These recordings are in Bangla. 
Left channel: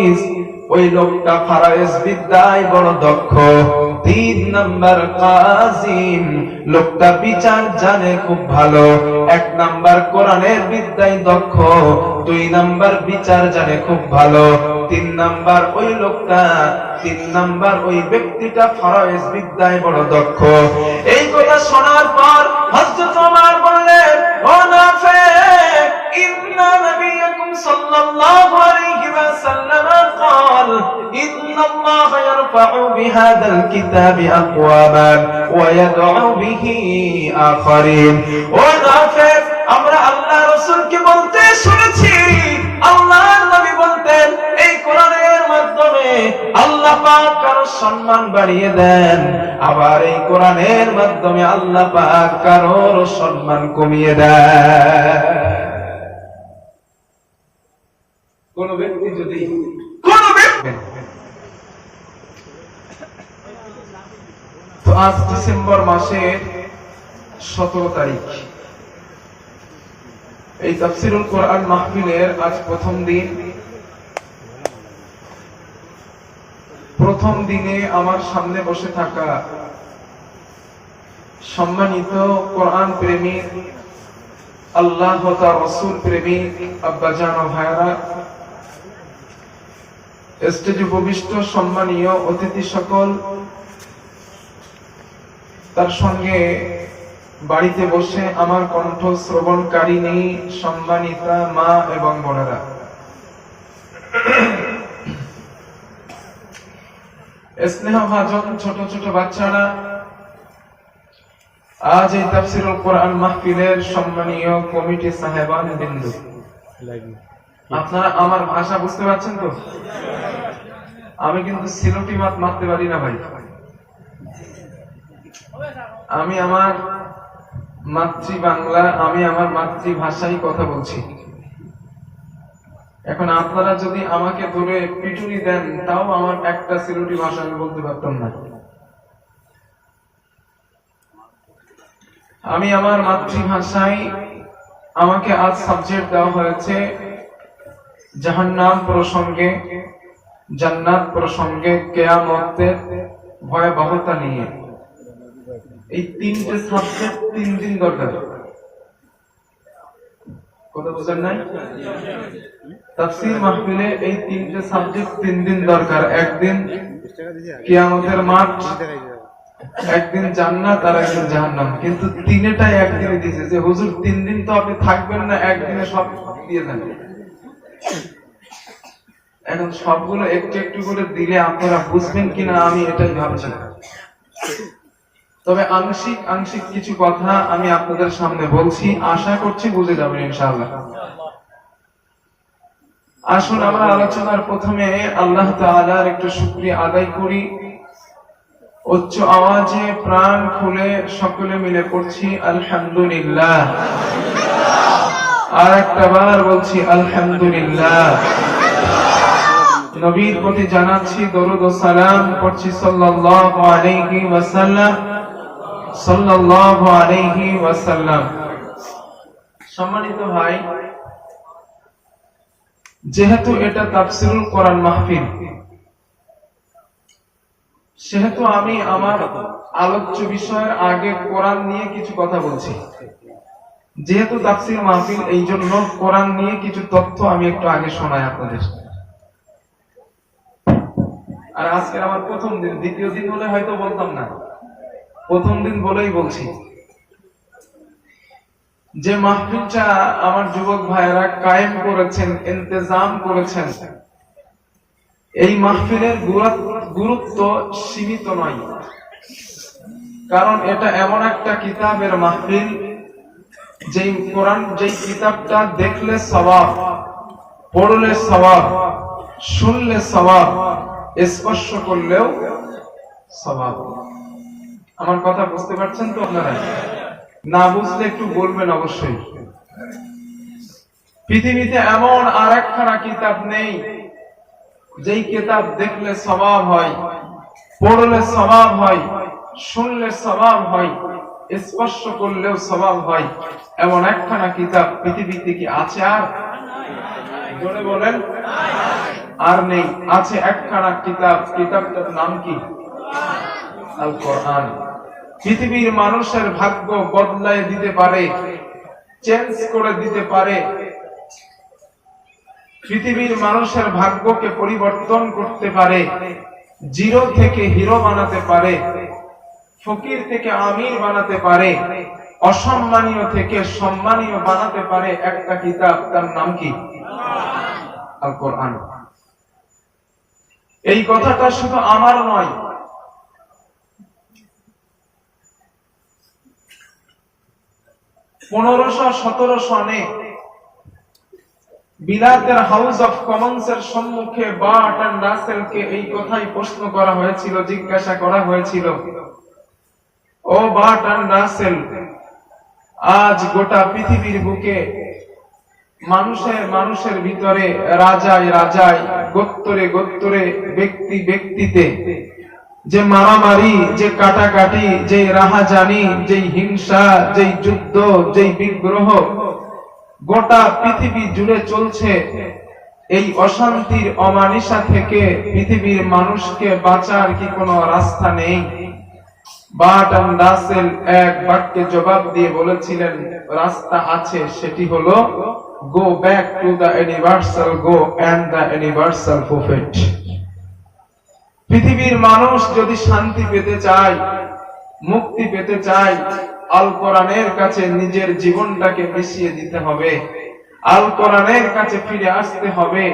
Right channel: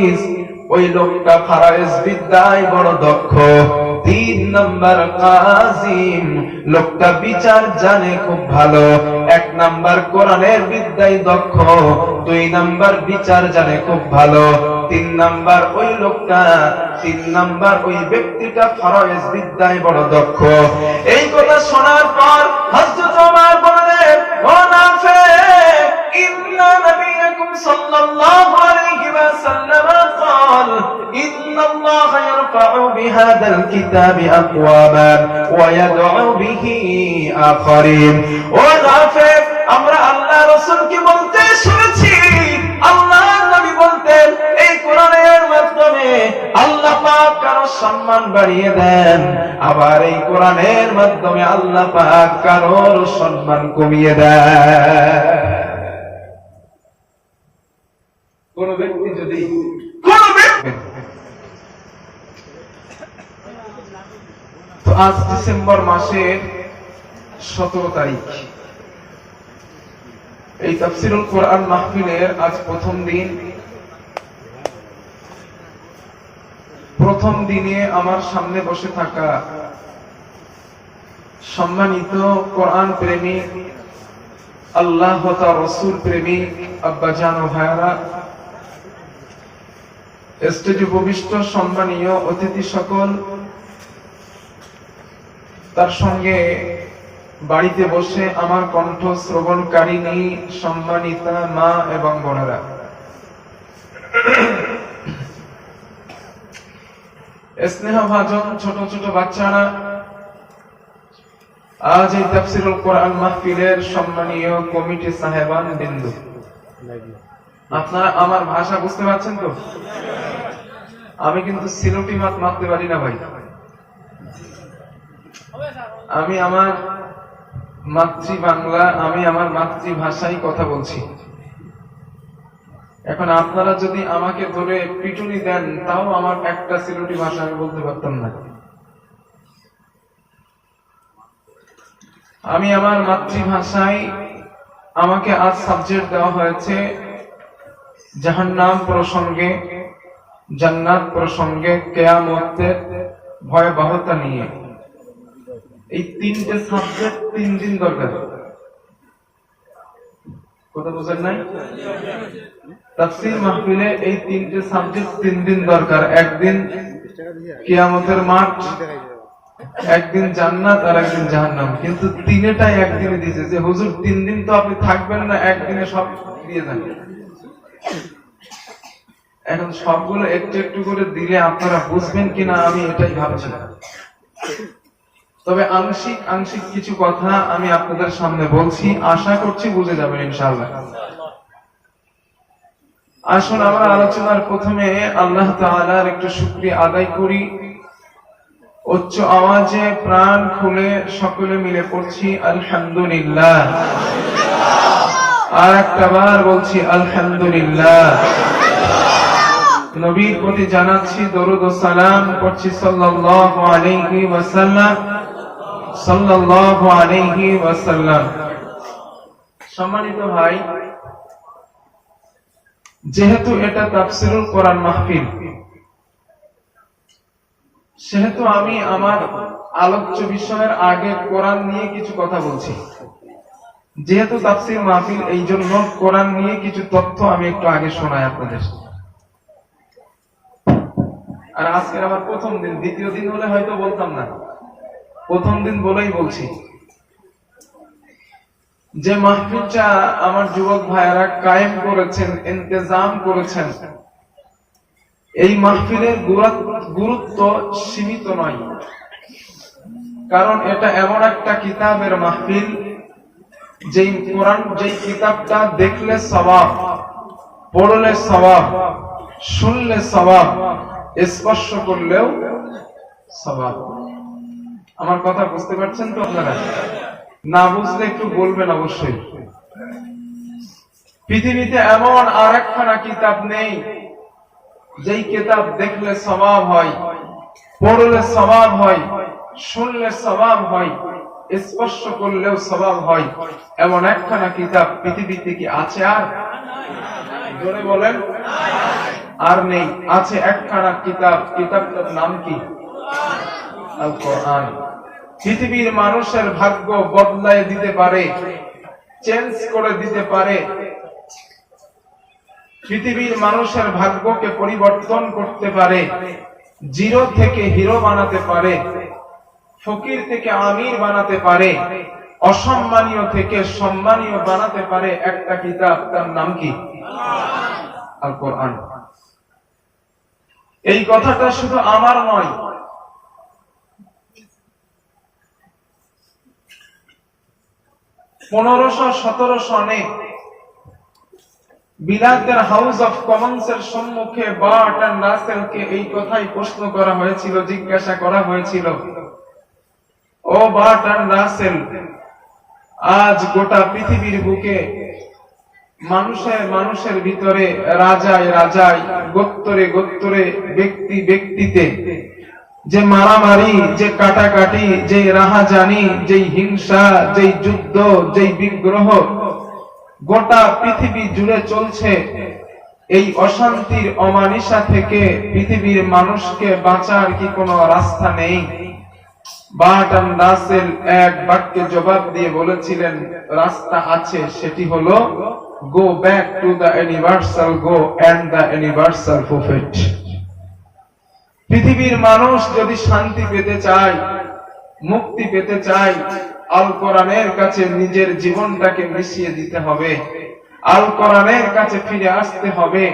হাফিজ, ওই লোকটা ফারায়েজ বিদ্যায় বড় দক্ষ। 3 নাম্বার কাজিম, লোকটা বিচার জানে খুব ভালো। 1 নাম্বার কোরআনের বিদ্যায় দক্ষ, 2 নাম্বার বিচার জানে খুব ভালো। 3 নাম্বার ওই লোকটা, 3 নাম্বার ওই ব্যক্তিটা ফারায়েজ বিদ্যায় বড় দক্ষ। এই কথা শোনার পর হযরত ওমর বললেন, ও নাফিক, ইন্না নবিয়াকুম সাল্লাল্লাহু আলাইহি ওয়াসাল্লাম قال إن الله يرفع بهذا الكتاب أقواما ويدعو به آخرين। ও নাফিক, আমরা আল্লাহ রাসূলকে বলতে শুনেছি, আল্লাহর নবী বলতেন এই কোরআনের মাধ্যমে আল্লাহ পাক কারো সম্মান বাড়িয়ে দেন, আবার এই কোরআনের মাধ্যমে আল্লাহ পাক কারোর সম্মান কমিয়ে দেন। কোন ব্যক্তি যদি তো আজ ডিসেম্বর মাসের 17 তারিখ, এই তাফসীরুল কোরআন মাহফিলের আজ প্রথম দিন। প্রথম দিনে আমার সামনে বসে থাকা সম্মানিত কোরআন প্রেমিক, আল্লাহ ও তার রাসূল প্রেমিক আব্বাজান ও ভাইরা, স্টেজে উপবিষ্ট সম্মানীয় অতিথি সকল, তার সঙ্গে বাড়িতে বসে আমার কণ্ঠ শ্রবণকারিণী সম্মানিতা মা এবং বোনেরা, স্নেহভাজন ছোট ছোট বাচ্চারা, আজ এই তাফসীরুল কোরআন মাহফিলের সম্মানীয় কমিটি সাহেবান বিন্দু, আপনারা আমার ভাষা বুঝতে পারছেন তো? আমি কিন্তু সিলোটি মাত মারতে পারি না ভাই, আমি আমার মাতৃবাংলা, আমি আমার মাতৃভাষায় কথা বলছি। এখন আপনারা যদি আমাকে ধরে পিটুনি দেন, তাও আমার একটা সিলোটি ভাষা আমি বলতে পারতাম না। আমি আমার মাতৃভাষায়, আমাকে আজ সাবজেক্ট দেওয়া হয়েছে জাহান্নাম প্রসঙ্গে, জান্নাত প্রসঙ্গে, কিয়ামতের ভয়াবহতা নিয়ে। এই 3টে সাবজেক্ট 3 দিন দরকার। কথা বুঝেন নাই? তাফসীর মাহফিলে এই 3টে সাবজেক্ট 3 দিন দরকার। একদিন কিয়ামতের মাঠ, একদিন জান্নাত, আর একদিন জাহান্নাম। কিন্তু 3টাই একদিনে দিয়েছে যে হুজুর 3 দিন তো আপনি থাকবেন না, একদিনে সব দিয়ে দেন। এখন সবগুলো একটু একটু করে দিলে আপনারা বুঝবেন কিনা আমি এটাই ভাবছি। তবে আংশিক আংশিক কিছু কথা আমি আপনাদের সামনে বলছি, আশা করছি বুঝে যাবেন ইনশাআল্লাহ। আসুন আমরা আলোচনার প্রথমে আল্লাহ তাআলার একটু শুকরিয়া আদায় করি। উচ্চ আওয়াজে প্রাণ খুলে সকলে মিলে পড়ছি আলহামদুলিল্লাহ। আর একটাবার বলছি আলহামদুলিল্লাহ। নবীর প্রতি জানাচ্ছি দরুদ ও সালাম, পড়ছি সাল্লাল্লাহু আলাইহি ওয়াসাল্লাম, সাল্লাল্লাহু আলাইহি ওয়াসাল্লাম। সম্মানিত ভাই, যেহেতু এটা তাফসীরুল কোরআন মাহফিল, সেহেতু আমি আমার আলোচ্য বিষয়ের আগে কোরআন নিয়ে কিছু কথা বলছি। যেহেতু তাফসীর মাহফিল, এই জন্য কোরআন নিয়ে কিছু তথ্য আমি একটু আগে শোনাই আপনাদের। আর আজকে আমার প্রথম দিন, দ্বিতীয় দিন হলে হয়তো বলতাম না, প্রথম দিন বলেই বলছি। যে মাহফিলটা আমার যুবক ভাইয়েরা কায়েম করেছেন, ইন্তজাম করেছেন, এই মাহফিলের গুরুত্ব সীমিত নয়। কারণ এটা এমন একটা কিতাবের মাহফিল, যেই কোরআন, যেই কিতাবটা দেখলে সওয়াব, পড়লে সওয়াব, শুনলে সওয়াব, স্পর্শ করলেও সওয়াব। আমার কথা বুঝতে পারছেন তো আপনারা? না বুঝলে একটু বলবেন অবশ্যই। পৃথিবীতে এমন আর একখানা কিতাব নেই যেই কিতাব দেখলে সওয়াব হয়, পড়লে সওয়াব হয়, শুনলে সওয়াব হয়, স্পর্শ করলেও সওয়াব হয়। এমন একখানা কিতাব পৃথিবীতে কি আছে? আর জোরে বলেন, আর নেই, আছে একখানা কিতাব, কিতাবটার নাম কি? আল কোরআন। পৃথিবীর মানুষের ভাগ্য বদলায় দিতে পারে, চেঞ্জ করে দিতে পারে, পৃথিবীর মানুষের ভাগ্যকে পরিবর্তন করতে পারে, জিরো থেকে হিরো বানাতে পারে, ফকির থেকে আমির বানাতে পারে, অসম্মানীয় থেকে সম্মানীয় বানাতে পারে একটা কিতাব, তার নাম কি? আল কোরআন। এই কথাটা শুধু আমার নয়, পনেরোশো 1700 সনে বিলাতের হাউস অফ কমন্স এর সম্মুখে বার্টন রাসেলকে এই কথাই প্রশ্ন করা হয়েছিল, জিজ্ঞাসা করা হয়েছিল, ও বার্টন রাসেল, আজ গোটা পৃথিবীর বুকে মানুষের ভিতরে, রাজায় রাজায়, গোত্তরে গোত্তরে, ব্যক্তি ব্যক্তিতে যে মারামারি, যে কাটাকাটি, যে রাহাজানি, যে হিংসা, যে যুদ্ধ, যে বিগ্রহ গোটা পৃথিবী জুড়ে চলছে, এই অশান্তির অমানিসা থেকে পৃথিবীর মানুষকে বাঁচার কি কোনো রাস্তা নেই? বার্টন রাসেল এক বাক্যে জবাব দিয়ে বলেছিলেন, রাস্তা আছে, সেটি হলো go back to the universal go and the universal prophet. পৃথিবীর মানুষ যদি শান্তি পেতে চায়, মুক্তি পেতে চায়, আল কোরআনের কাছে নিজের জীবনটাকে মিশিয়ে দিতে হবে, আল কোরআনের কাছে ফিরে আসতে হবে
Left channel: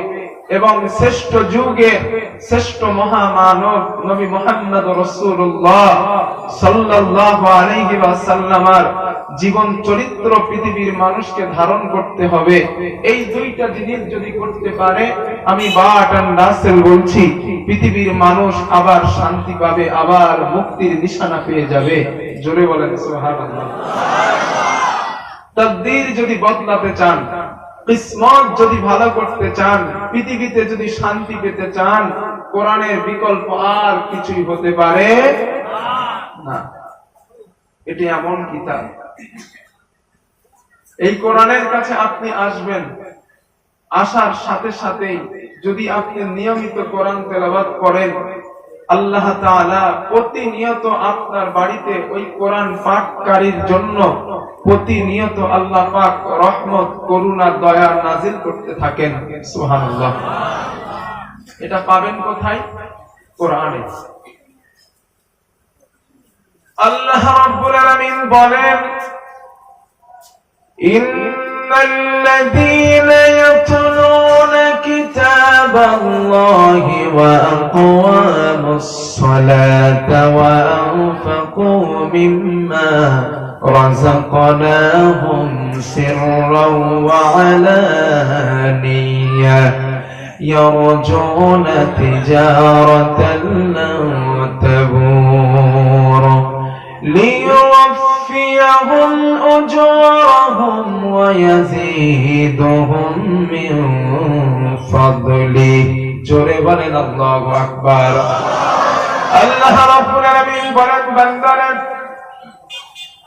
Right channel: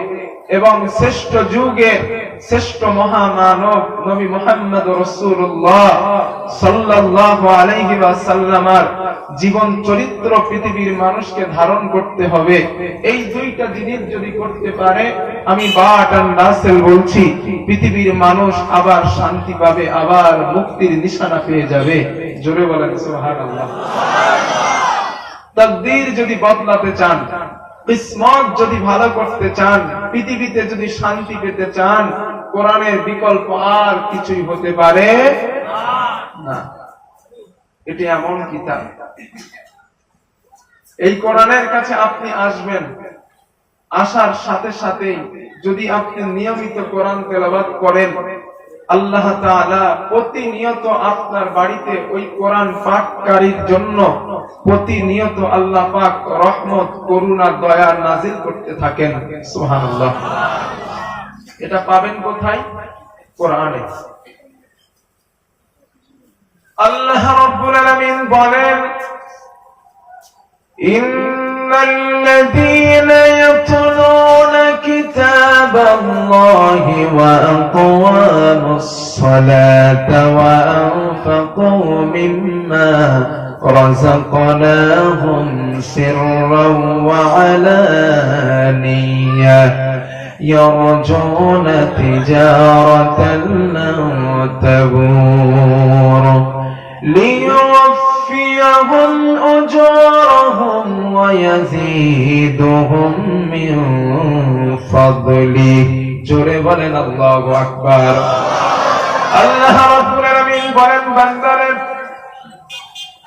এবং শ্রেষ্ঠ যুগের শ্রেষ্ঠ মহামানব নবী মুহাম্মদ রাসূলুল্লাহ সাল্লাল্লাহু আলাইহি ওয়াসাল্লামের জীবন চরিত্র পৃথিবীর মানুষকে ধারণ করতে হবে। এই দুইটা জিনিস যদি করতে পারে, আমি বার্টন রাসেল বলছি, পৃথিবীর মানুষ আবার শান্তি পাবে, আবার মুক্তির নিশানা পেয়ে যাবে। জোরে বলেন সুবহানাল্লাহ। তাকদীর যদি বদলাতে চান, কিসমত যদি ভালো করতে চান, পৃথিবীতে যদি শান্তি পেতে চান, কোরআনের বিকল্প আর কিছুই হতে পারে না। এটি এমন কিতাব, এই কোরআনের কাছে আপনি আসবেন, আসার সাথে সাথেই যদি আপনি নিয়মিত কোরআন তেলাওয়াত করেন, আল্লাহ তাআলা প্রতিনিয়ত আপনার বাড়িতে ওই কোরআন পাঠকারীর জন্য প্রতিনিয়ত আল্লাহ পাক রহমত, করুণা, দয়া নাজিল করতে থাকেন। সুবহানাল্লাহ। এটা পাবেন কোথায়? কোরআনে। আল্লাহ রাব্বুল আলামিন বলেন, ইন্নাল্লাযীনা ইয়াতলুনা কিতাবাল্লাহি ওয়া আকামুস সালাতা ওয়া আনফাকু মিম্মা রাযাকনাহুম সিররাও ওয়া আলানিয়া يرجون تجارة لن تبور ليوفيهم أجورهم ويزيدهم من فضله জোরে বলেন আল্লাহু আকবার। আল্লাহ রাব্বুল আলামিন বলেন, বান্দারে,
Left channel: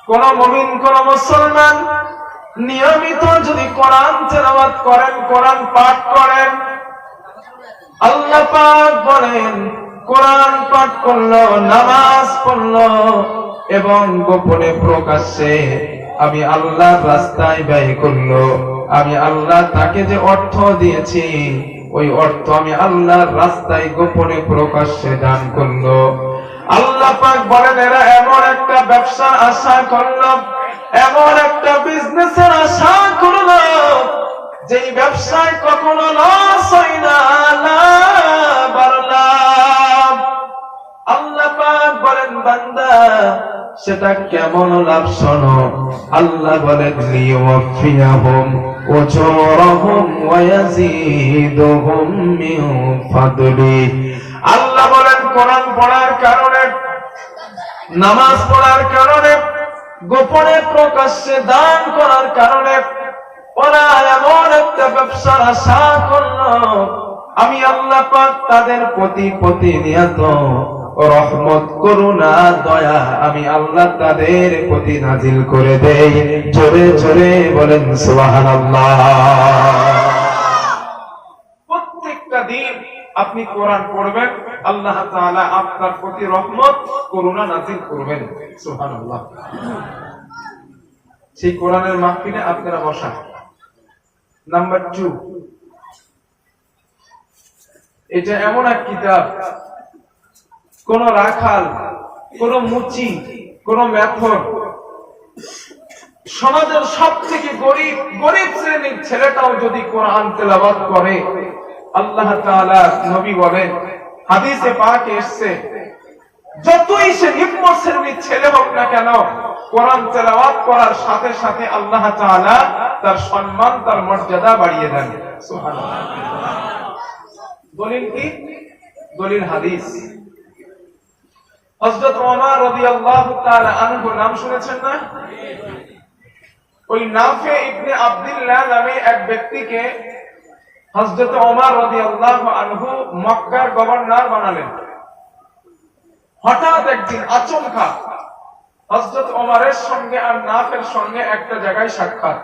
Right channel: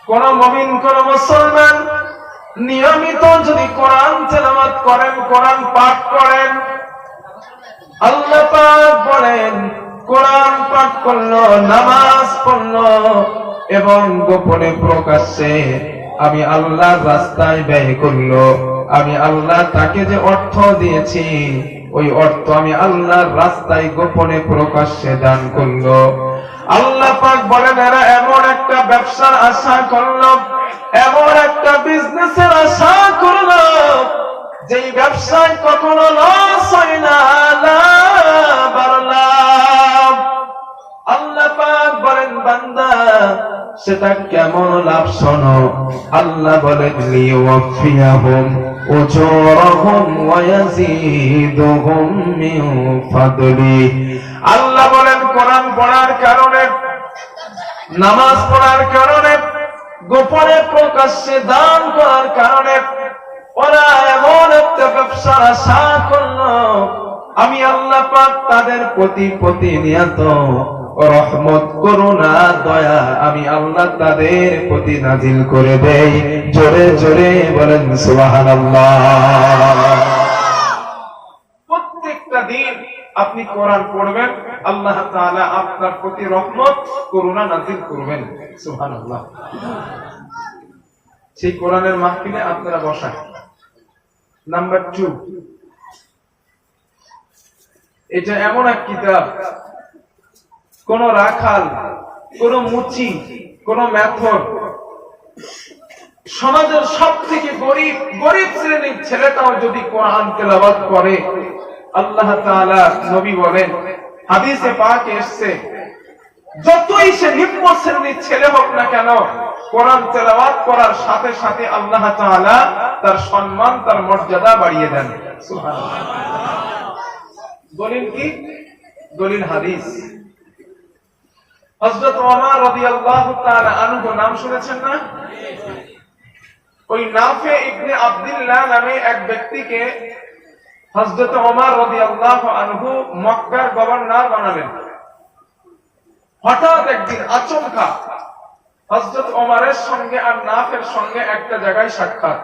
কোন মুমিন, কোন মুসলমান নিয়মিত যদি কোরআন তেলাওয়াত করেন, কোরআন পাঠ করেন, আল্লাহ পাক বলেন, কোরআন পাঠ করলো, নামাজ পড়লো এবং গোপনে প্রকাশ্যে আমি আল্লাহর রাস্তায় ব্যয় করলো, আমি আল্লাহ তাকে যে অর্থ দিয়েছি ওই অর্থ আমি আল্লাহর রাস্তায় গোপনে প্রকাশ্যে দান করলো, আল্লাহ পাক বলেন, এরা এমন একটা ব্যবসার আশা করলো, এমন একটা বিজনেসের আশা করলো যেই ব্যবসায় কখনো লস হয় না, লাভ আর লাভ। আল্লাহ পাক বলেন, বান্দা, সেটা কেমন লাভ শোনো। আল্লাহ বলেন, লিওয়াফিয়াহুম উজুরহুম ওয়া ইয়াজিদুহুম মিন ফাদলি। আল্লাহ বলেন, কোরআন পড়ার কারণে, নামাজ পড়ার কারণে, গোপনে প্রকাশ্যে দান করার কারণে ওরা এমন একটা ব্যবসার আশা করলো, আমি আল্লাহ পাক তাদের প্রতি প্রতিনিয়ত রহমত, করুণা, দয়া আমি আল্লাহ তাদের প্রতি নাজিল করে দেই। জোরে জোরে বলেন সুবহানাল্লাহ। প্রত্যেকটা দিন আপনি কোরআন পড়বেন, আল্লাহ তাআলা আপনার প্রতি রহমত করুণা নাযিল করবেন। সুবহানাল্লাহ। সেই কোরআনের মাহফিলে আপনারা বসেন। নাম্বার 2, এটা এমন এক কিতাব, কোন রাখাল, কোন মুচি, কোন মেথর, সমাজের সব থেকে গরিব শ্রেণীর ছেলেটাও যদি কোরআন তেলাওয়াত করে, আল্লাহ তাআলা নবী বলেন, হাদিসে পাকে এসেছে, যতই সে নিম্ন শ্রেণীর ছেলে হোক না কেন, কোরআন তেলাওয়াত করার সাথে সাথে আল্লাহ তাআলা তার সম্মান, তার মর্যাদা বাড়িয়ে দেন। সুবহানাল্লাহ। দলিল কি? দলিল হাদিস। হযরত ওমর রাদিয়াল্লাহু তাআলা আনহু নাম শুনেছেন না? ওই নাফে ইবনে আব্দুল্লাহ নামে এক ব্যক্তিকে হযরত ওমর রাদিয়াল্লাহু আনহু মক্কার গভর্নর বানালেন। হঠাৎ একদিন আচমকা হযরত ওমরের সঙ্গে আর নাফের সঙ্গে একটা জায়গায় সাক্ষাৎ।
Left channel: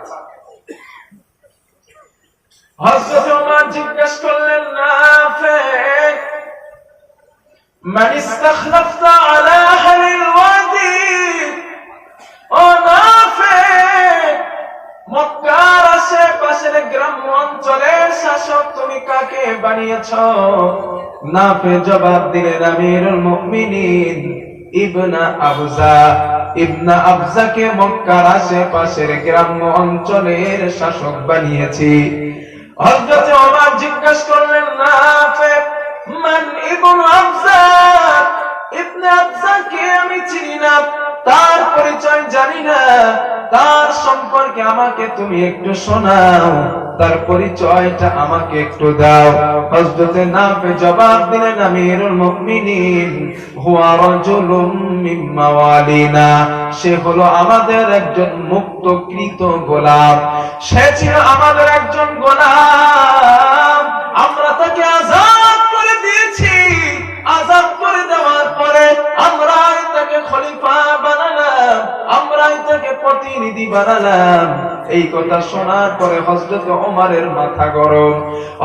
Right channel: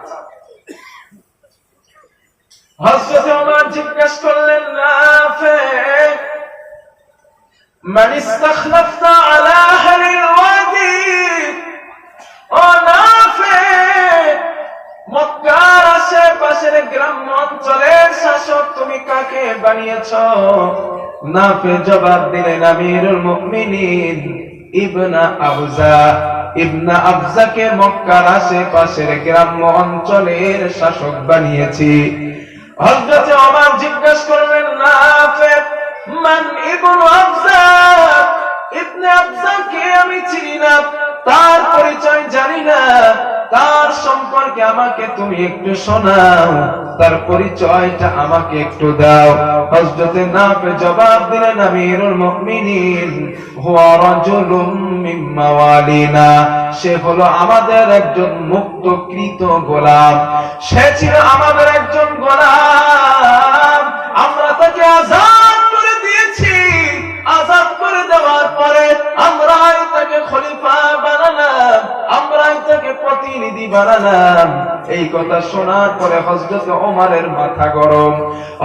হযরত ওমর জিজ্ঞেস করলেন, নাফে, মান ইস্তাখলাফতা আলা আহলিল ওয়াদি? ও নাফে, মক্কার আশেপাশের গ্রাম্য অঞ্চলের শাসক তুমি কাকে বানিয়েছো? নাফে জবাব দিলেন, আমিরুল মুমিনিন ইবনে আবজাকে মক্কার আশেপাশের গ্রাম্য অঞ্চলের শাসক বানিয়েছি। হযরত ওমর জিজ্ঞেস করলেন, নাফে, মান ইবনে আবজা? ইবনে আবজাকে আমি চিনি না, তার পরিচয় জানি না, তার সম্পর্কে আমাকে তুমি একটু শোনাও, তার পরিচয়টা আমাকে একটু দাও। হযরত নাফে জবাব দিলেন, আমিরুল মুমিনিন হুয়া রাজুলুম মিন মাওয়ালিনা, সে হলো আমাদের একজন মুক্তকৃত গোলাম, সে ছিল আমাদের একজন গোলাম, আমরা তাকে আযাদ করে দিয়েছি, আযাদ করে দেওয়ার পরে আমরাই তাকে খলিফা বানালাম, আমরাই তাকে প্রতিনিধি বানালাম। এই কথা শোনার পরে হযরত ওমরের মাথা গরম।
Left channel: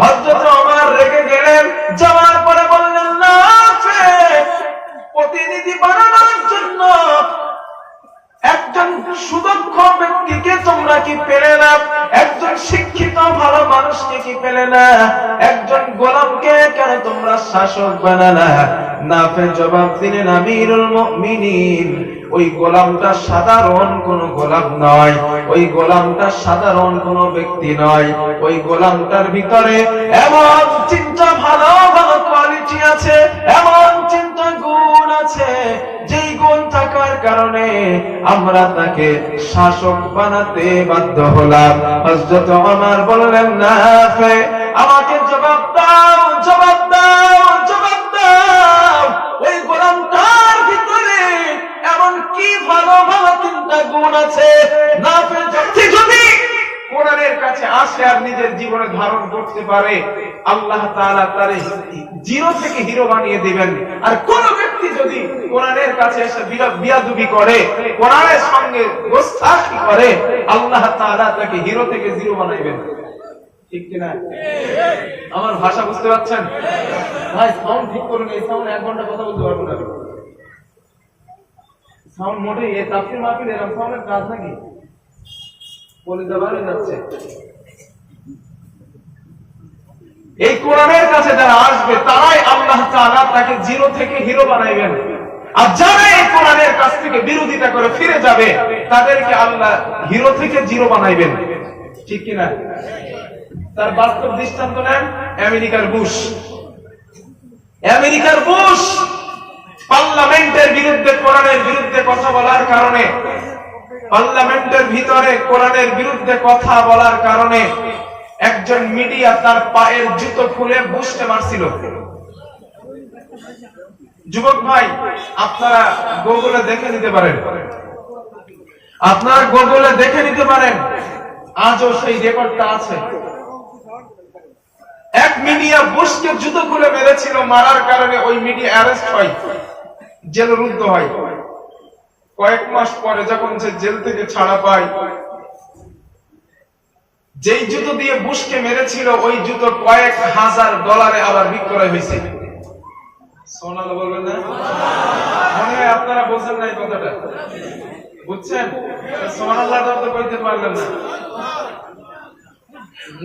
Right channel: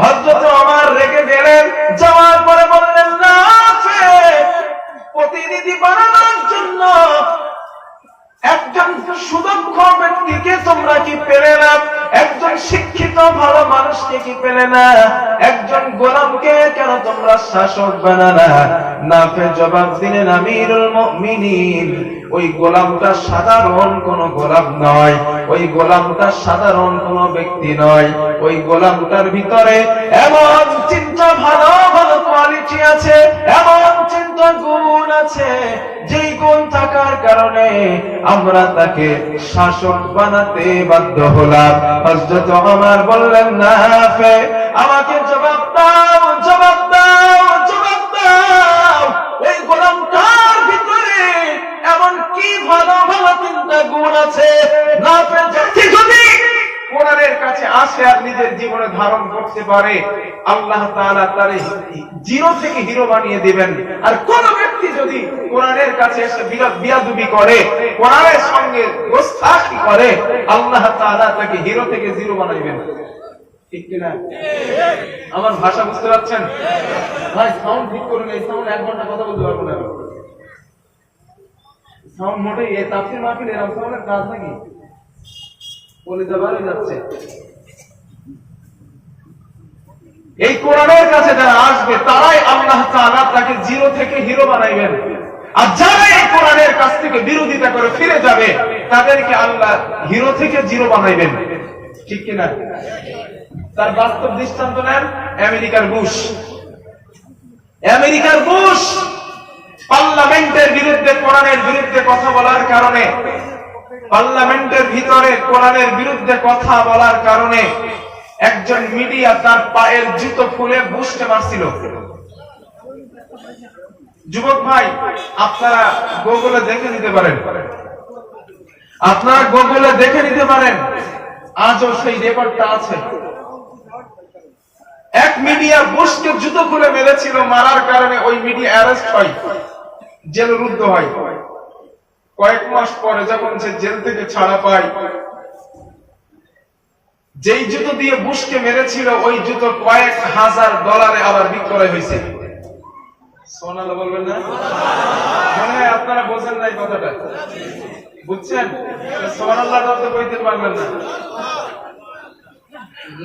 হযরত ওমর রেগে গেলেন, যাওয়ার পরে বললেন, নাফে, প্রতিনিধি বানানোর জন্য একজন সুদক্ষ ব্যক্তিকে তোমরা কি পেলে না? একজন শিক্ষিত ভালো মানুষকে কি পেলে না? একজন গোলামকে কেন তোমরা শাসক বানানা? নাফে জবাব দিলেন, আমিরুল মুমিনিন, ওই গোলামটা সাধারণ কোন গোলাম নয়, ওই গোলামটা সাধারণ কোন ব্যক্তি নয়, ওই গোলামটার ভিতরে এমন চিন্তা, ভালো ভালো কোয়ালিটি আছে, এমন চিন্তা গুণ আছে, যেই গুণ থাকার কারণে আমরা তাকে শাসক বানাতে বাধ্য হলাম। হযরত ওমর বললেন, নাফে, আমাকে জবাব দাও, জবাব দাও, জবাব দাও, ওই গোলামটার ভিতরে এমন কি ভালো ভালো চিন্তা গুণ আছে? নাফে যদি কোরআনের কাছে আসে আর নিজের জীবনে ধারণ করতে পারে, আল্লাহ তাআলা তারে জিরো থেকে হিরো বানিয়ে দিবেন। আর কোন ব্যক্তি যদি কোরআনের কাছে এসে বিয়াদবি করে, কোরআনের সঙ্গে গোস্তাখি করে, আল্লাহ তাআলা তাকে হিরো থেকে জিরো বানাইবেন। ঠিক কিনা? আমার ভাষা বুঝতে পারছেন? ভাই সাউন্ড ঠিক করুন, এই সাউন্ড 1 ঘন্টা কথা বলতে পারবো না। সাউন্ড মোটেই এই তাফসীর মাহফিল এরকম সাউন্ডের কাজ নাকি? বলে দেওয়া যাচ্ছে। এই কোরআনের কাছে যারা আসবে তারাই আল্লাহ তাআলা তাকে জিরো থেকে হিরো বানাইবেন। আর যারা এই কোরআনের কাছ থেকে বিরোধিতা করে ফিরে যাবে, তাদেরকে আল্লাহ হিরো থেকে জিরো বানাইবেন। ঠিক কিনা? তার বাস্তব দৃষ্টান্ত নেন আমেরিকার বুশ। আমেরিকার বুশ পার্লামেন্টের বিরুদ্ধে, কোরআনের বিরুদ্ধে কথা বলার কারণে, পার্লামেন্টের ভিতরে কোরআনের বিরুদ্ধে কথা বলার কারণে একজন মিডিয়া তার পায়ের জুতো খুলে বুশকে মারছিল। যুবক ভাই, আপনারা গুগলে দেখে নিতে পারেন, আপনারা গুগলে দেখে নিতে পারেন, আজও সেই রেকর্ডটা আছে। এক মিডিয়া বুশকে জুতো খুলে মেরেছিল, মারার কারণে ওই মিডিয়া অ্যারেস্ট হয়, জেলরুদ্ধ হয়। কয়েক মাস পরে যখন সে জেল থেকে ছাড়া পায়, যেই জুতো দিয়ে বুশকে মেরেছিল ওই জুতো কয়েক হাজার ডলারে আবার বিক্রয় হয়েছে। সুবহানাল্লাহ বলবেন না? মনে হয় আপনারা বোঝেন না এই কথাটা, বুঝছেন? সুবহানাল্লাহ তো বলতে পারলেন না,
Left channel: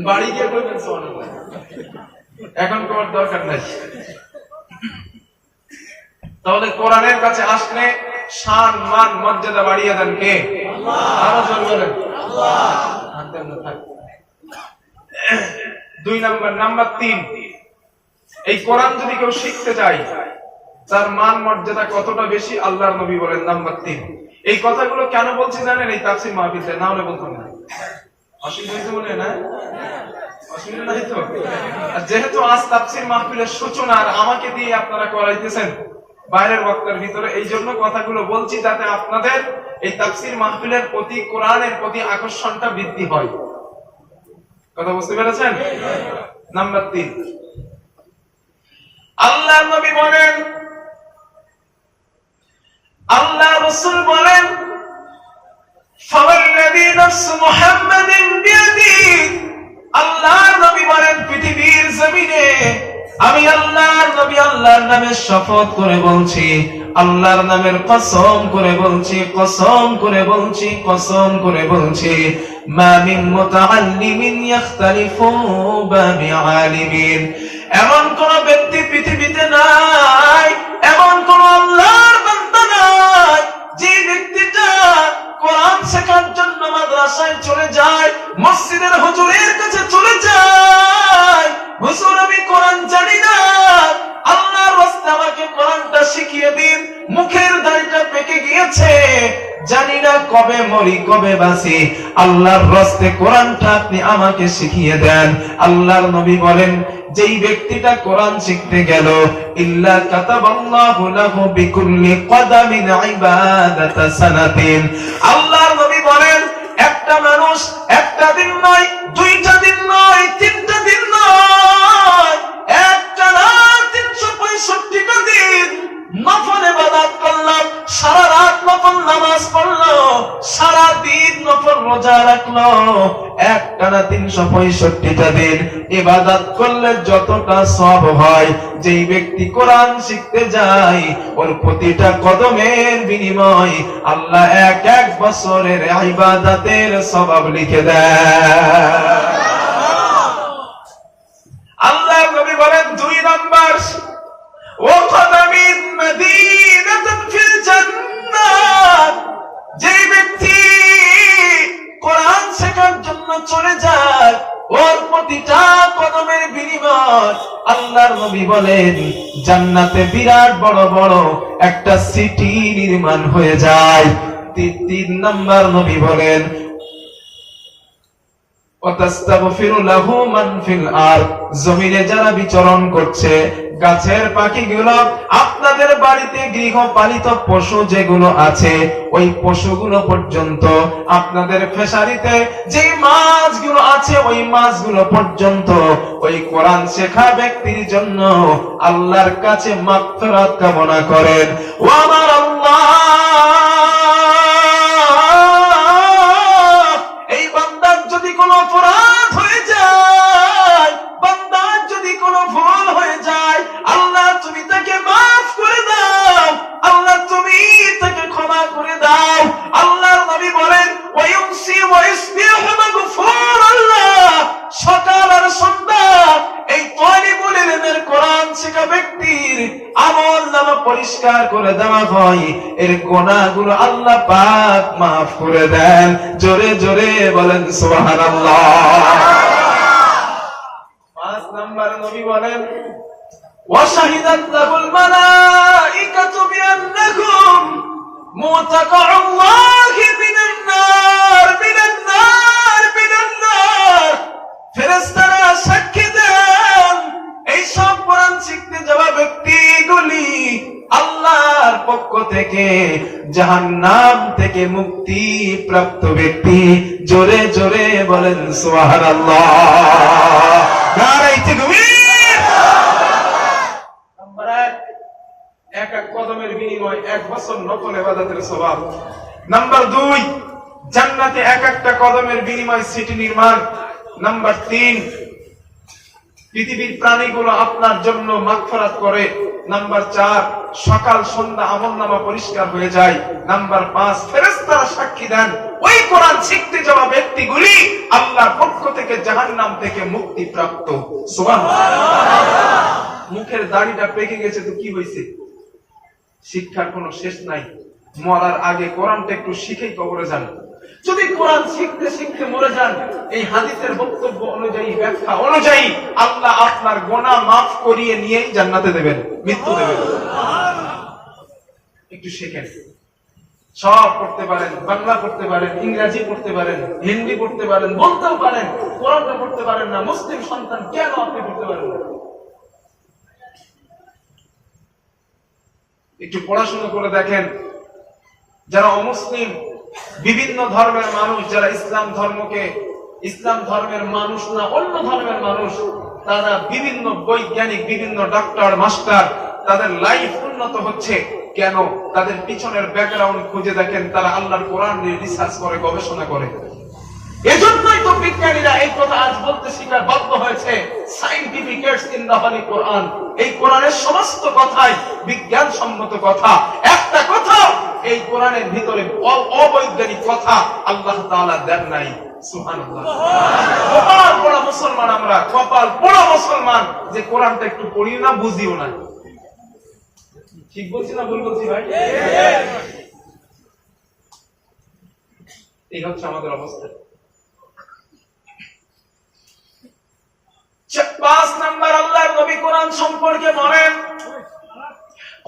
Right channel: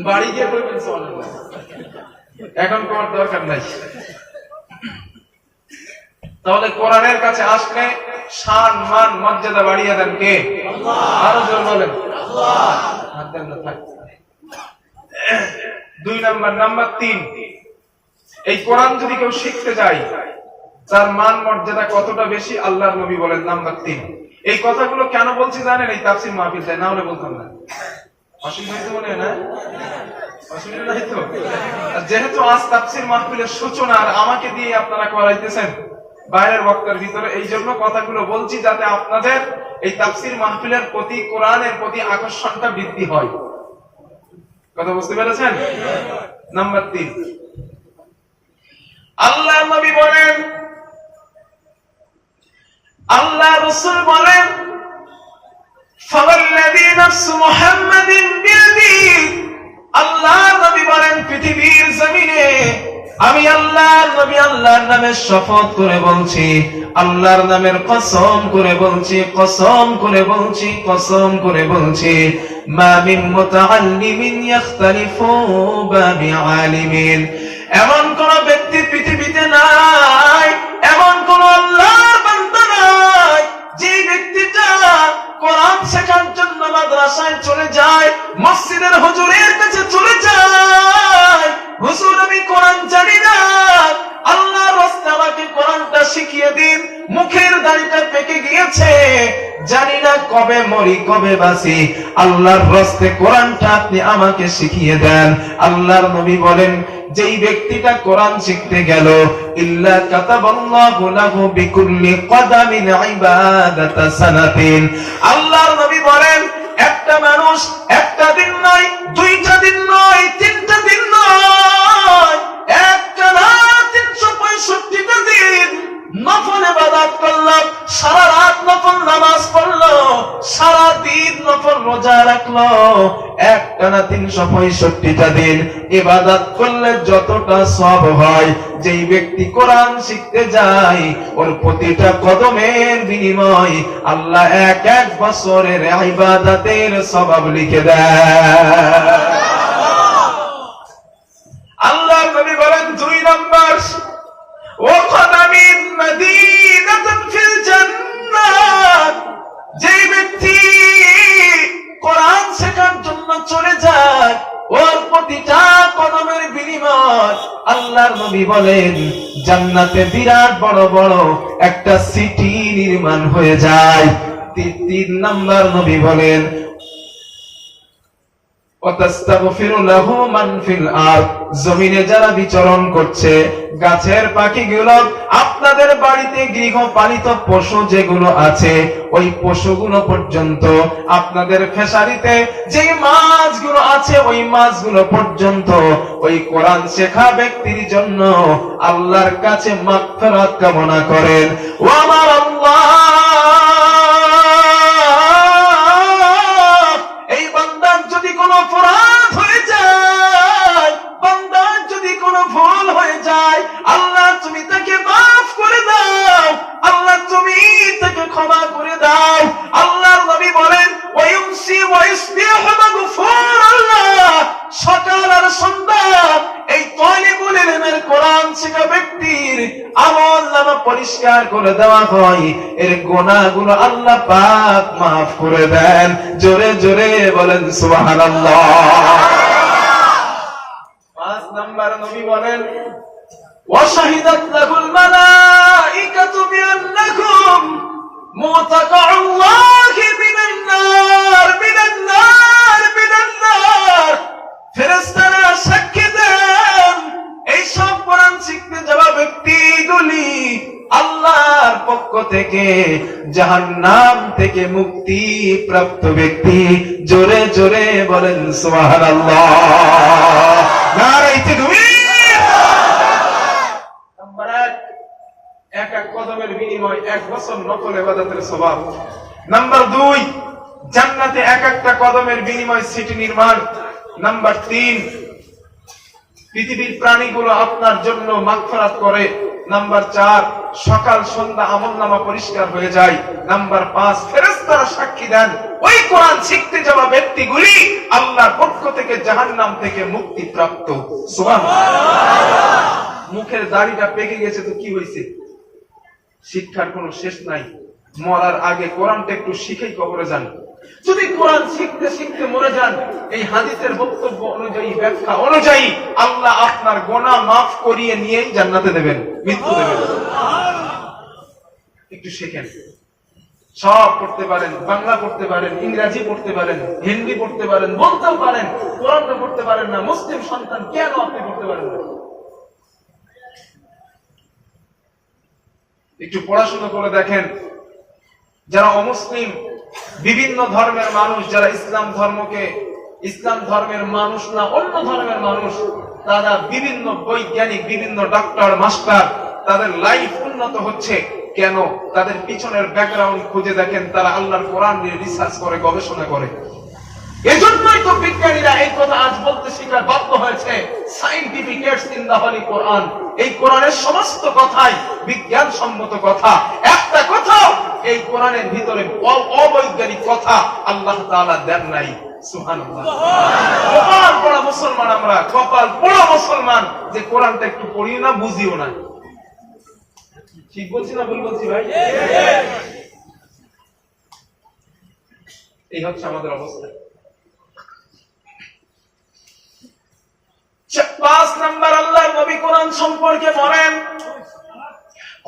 বাড়ি গিয়ে বলবেন সুবহানাল্লাহ, এখন তোমার দরকার নাই। তাহলে কোরআনের কাছে আসলে শান মান মর্যাদা বাড়িয়ে দেন কে? আরো জোর বলেন আল্লাহ। দুই নাম্বার 3, এই কোরআন যদি কেউ শিখতে যায় তার মান মর্যাদা কতটা বেশি আল্লাহর নবী বলেন। নাম্বার 3, এই কথাগুলো কেন বলছি জানেন? এই তাফসীর মাহফিলে না হলে বলতাম না। অসুবিধা হইতো মনে হয় না? অসুবিধা নাই তো? যেহেতু আজ তাফসীর মাহফিলের সূচনা আর আমাকে দিয়ে আপনারা করাইতেছেন বাইরের বক্তার ভিতরে, এই জন্য কথাগুলো বলছি যাতে আপনাদের এই তাফসীর মাহফিলের প্রতি, কোরআনের প্রতি আকর্ষণটা বৃদ্ধি হয়। কথা বুঝতে পেরেছেন? নাম্বার 3, আল্লাহর নবী বলেন, আল্লাহ রাসূল বলেন, ফাওয়াল্লাযী নাফসু মুহাম্মাদিন বিয়াদিহি, আল্লাহর নবী বলেন পৃথিবীর জমিনে আমি আল্লাহর নবী আল্লাহর নামে শপথ করে বলছি, আল্লাহর নামের কসম করে বলছি, কসম করে বলছি, কসম করে বলছি, মা মিন মুতাআল্লিমিন ইখতালিফু বাবি আলিমিন, এমন কোন ব্যক্তি পৃথিবীতে নাই, এমন কোন আল্লাহর বান্দা নাই যে ব্যক্তিটা কোরআন শেখার জন্য মাদ্রাসায় চলে যায়, মসজিদের হুজুরের কাছে চলে যায়, হুজুর আমি কোরআন জানি না, আল্লাহর রাস্তায় আমাকে কোরআনটা শিখিয়ে দিন, মুখের দাড়িটা পেকে গিয়েছে, জানি না কবে মরি কবে বাঁচি, আল্লাহর রাস্তায় কোরআনটা আপনি আমাকে শিখিয়ে দেন। আল্লাহর নবী বলেন যেই ব্যক্তিটা কোরআন শিখতে গেল, ইল্লা কাতাবাল্লাহু লাহু বিকুল্লি কদামিন ইবাদাতা সানাতিন, আল্লাহর নবী বলেন একটা মানুষ একটা দিন নয়, দুইটা দিন নয়, তিনটা দিন নয়, একটা না 365টা দিন নফল ইবাদত করলো, সারা রাত নফল নামাজ পড়লো, সারা দিন নফল রোজা রাখলো, একটানা 365টা দিন ইবাদত করলে যতটা সওয়াব হয়, যেই ব্যক্তি কোরআন শিখতে যায় ওর প্রতিটা কদমের বিনিময় আল্লাহ এক বছরের ইবাদতের সওয়াব লিখে দেয়। আল্লাহ নবী বলেন 2 নাম্বার, ওয়াকাদামিন মাদিনাতুন ফিল জান্নাত, যে ব্যক্তি কোরআন শেখার জন্য চলে যায় ওর প্রতিটা কদমের বিনিময় আল্লাহর নবী বলেন জান্নাতে বিরাট বড় বড় একটা সিটি নির্মাণ হয়ে যায়। 3 নাম্বার নবী বলেন ওয়াতাস্তাগফিরু লাহু মান ফিল আরদ, জমিনে যারা বিচরণ করছে, গাছের পাখিগুলো, আপনাদের বাড়িতে গৃহপালিত পশু যেগুলো আছে ওই পশুগুলো পর্যন্ত, আপনাদের ফিশারিতে যে মাছগুলো আছে ওই মাছগুলো পর্যন্ত ওই কোরআন শেখা ব্যক্তির জন্য আল্লাহর কাছে মাগফিরাত কামনা করেন। ও আমার আল্লাহ, এই বান্দার যদি কোনো অপরাধ হয়ে যায়, বান্দার যদি কোনো ভুল হয়ে যায়, আল্লাহ তুমি তাকে মাফ করে দাও, আল্লাহ তুমি তাকে ক্ষমা করে দাও। আল্লাহর নবী বলেন ওয়ায়ুমসি ওয়াইসবিহু মাগফুরাল্লাহ, সকাল আর সন্ধ্যা এই তালিবুল ইলমের কোরআন শেখা ব্যক্তির আমলনামা পরিষ্কার করে দেওয়া হয়, এর গুনাহগুলো আল্লাহ পাক মাফ করে দেন। জোরে জোরে বলেন সুবহানাল্লাহ। 5 নাম্বার নবী বলেন ওয়াশাহিদাত লাহুল মালাইকাতু বিআন্নাকুম মুতাকাউল্লাহি মিনান নার মিনান নার মিনান নার, ফেরেশতারা সাক্ষী দেন এই সব কোরআন শিখতে যাওয়া ব্যক্তিগুলি আল্লাহর পক্ষ থেকে জাহান্নাম থেকে মুক্তি প্রাপ্ত ব্যক্তি। জোরে জোরে বলেন সুবহানাল্লাহ। নারে তাকবীর। নাম্বার 1, এক কদমের বিনিময় 1 বছর নফল ইবাদতের সওয়াব। নাম্বার 2, জান্নাতে এক একটা কদমের বিনিময় সিটি নির্মাণ। নাম্বার 3, পৃথিবীর প্রাণীগুলো আপনার জন্য মাগফিরাত করে। নাম্বার 4, সকাল সন্ধ্যা আমলনামা পরিষ্কার হয়ে যায়। নাম্বার 5, ফেরেশতারা সাক্ষী দেন ওই কোরআন শিখতে যাওয়া ব্যক্তিগুলি আল্লাহর পক্ষ থেকে জাহান্নাম থেকে মুক্তি প্রাপ্ত। সুবহানাল্লাহ। মুখের দাড়িটা পেকে গেছে তো কি হয়েছে? শিক্ষার কোনো শেষ নাই। মরার আগে কোরআনটা একটু শিখেই কবরে যান। যদি কোরআন শিখতে শিখতে মরে যান, এই হাদিসের বক্তব্য অনুযায়ী, ব্যাখ্যা অনুযায়ী আল্লাহ আপনার গুনাহ মাফ করিয়ে নিয়েই জান্নাতে দেবেন, মৃত্যু দেবেন। একটু শেখেন। সব পড়তে পারেন, বাংলা পড়তে পারেন, ইংরেজি পড়তে পারেন, হিন্দি পড়তে পারেন, বলতেও পারেন, কোরআনটা পড়তে পারেন না। মুসলিম সন্তান কেন আপনি পড়তে পারেন না? একটু পড়াশোনা করে দেখেন। যারা অমুসলিম, বিভিন্ন ধর্মের মানুষ, যারা ইসলাম ধর্মের মানুষ না, অন্য ধর্মের মানুষ, তারা বিভিন্ন বৈজ্ঞানিক, বিভিন্ন ডাক্তার, মাস্টার, তাদের লাইফ উন্নত হচ্ছে কেন? তাদের পিছনের ব্যাকগ্রাউন্ড খুঁজে দেখেন। তারা আল্লাহর কোরআন নিয়ে রিসার্চ করে, গবেষণা করে। এজন্যই তো বিজ্ঞানীরা এই কথা আজ বলতে স্বীকার বাধ্য হয়েছে, সায়েন্টিফিক এডস ইন দা হলি কোরআন। এই কোরআনের সমস্ত কথাই বিজ্ঞানসম্মত কথা। একটা কথা এই কোরআনের ভিতরে অবৈজ্ঞানিক কথা আল্লাহ তাআলা দেন নাই। সুবহানাল্লাহ। কপাল পোড়া মুসলমান আমরা, কপাল পোড়া মুসলমান যে কোরআনটা একটু পড়িও না, বুঝিও না। ঠিক বলছি না ভুল বলছি ভাই? এই হচ্ছে আমাদের অবস্থা। 5 নাম্বার, আল্লাহর নবী কোরআন সম্পর্কে বলেন,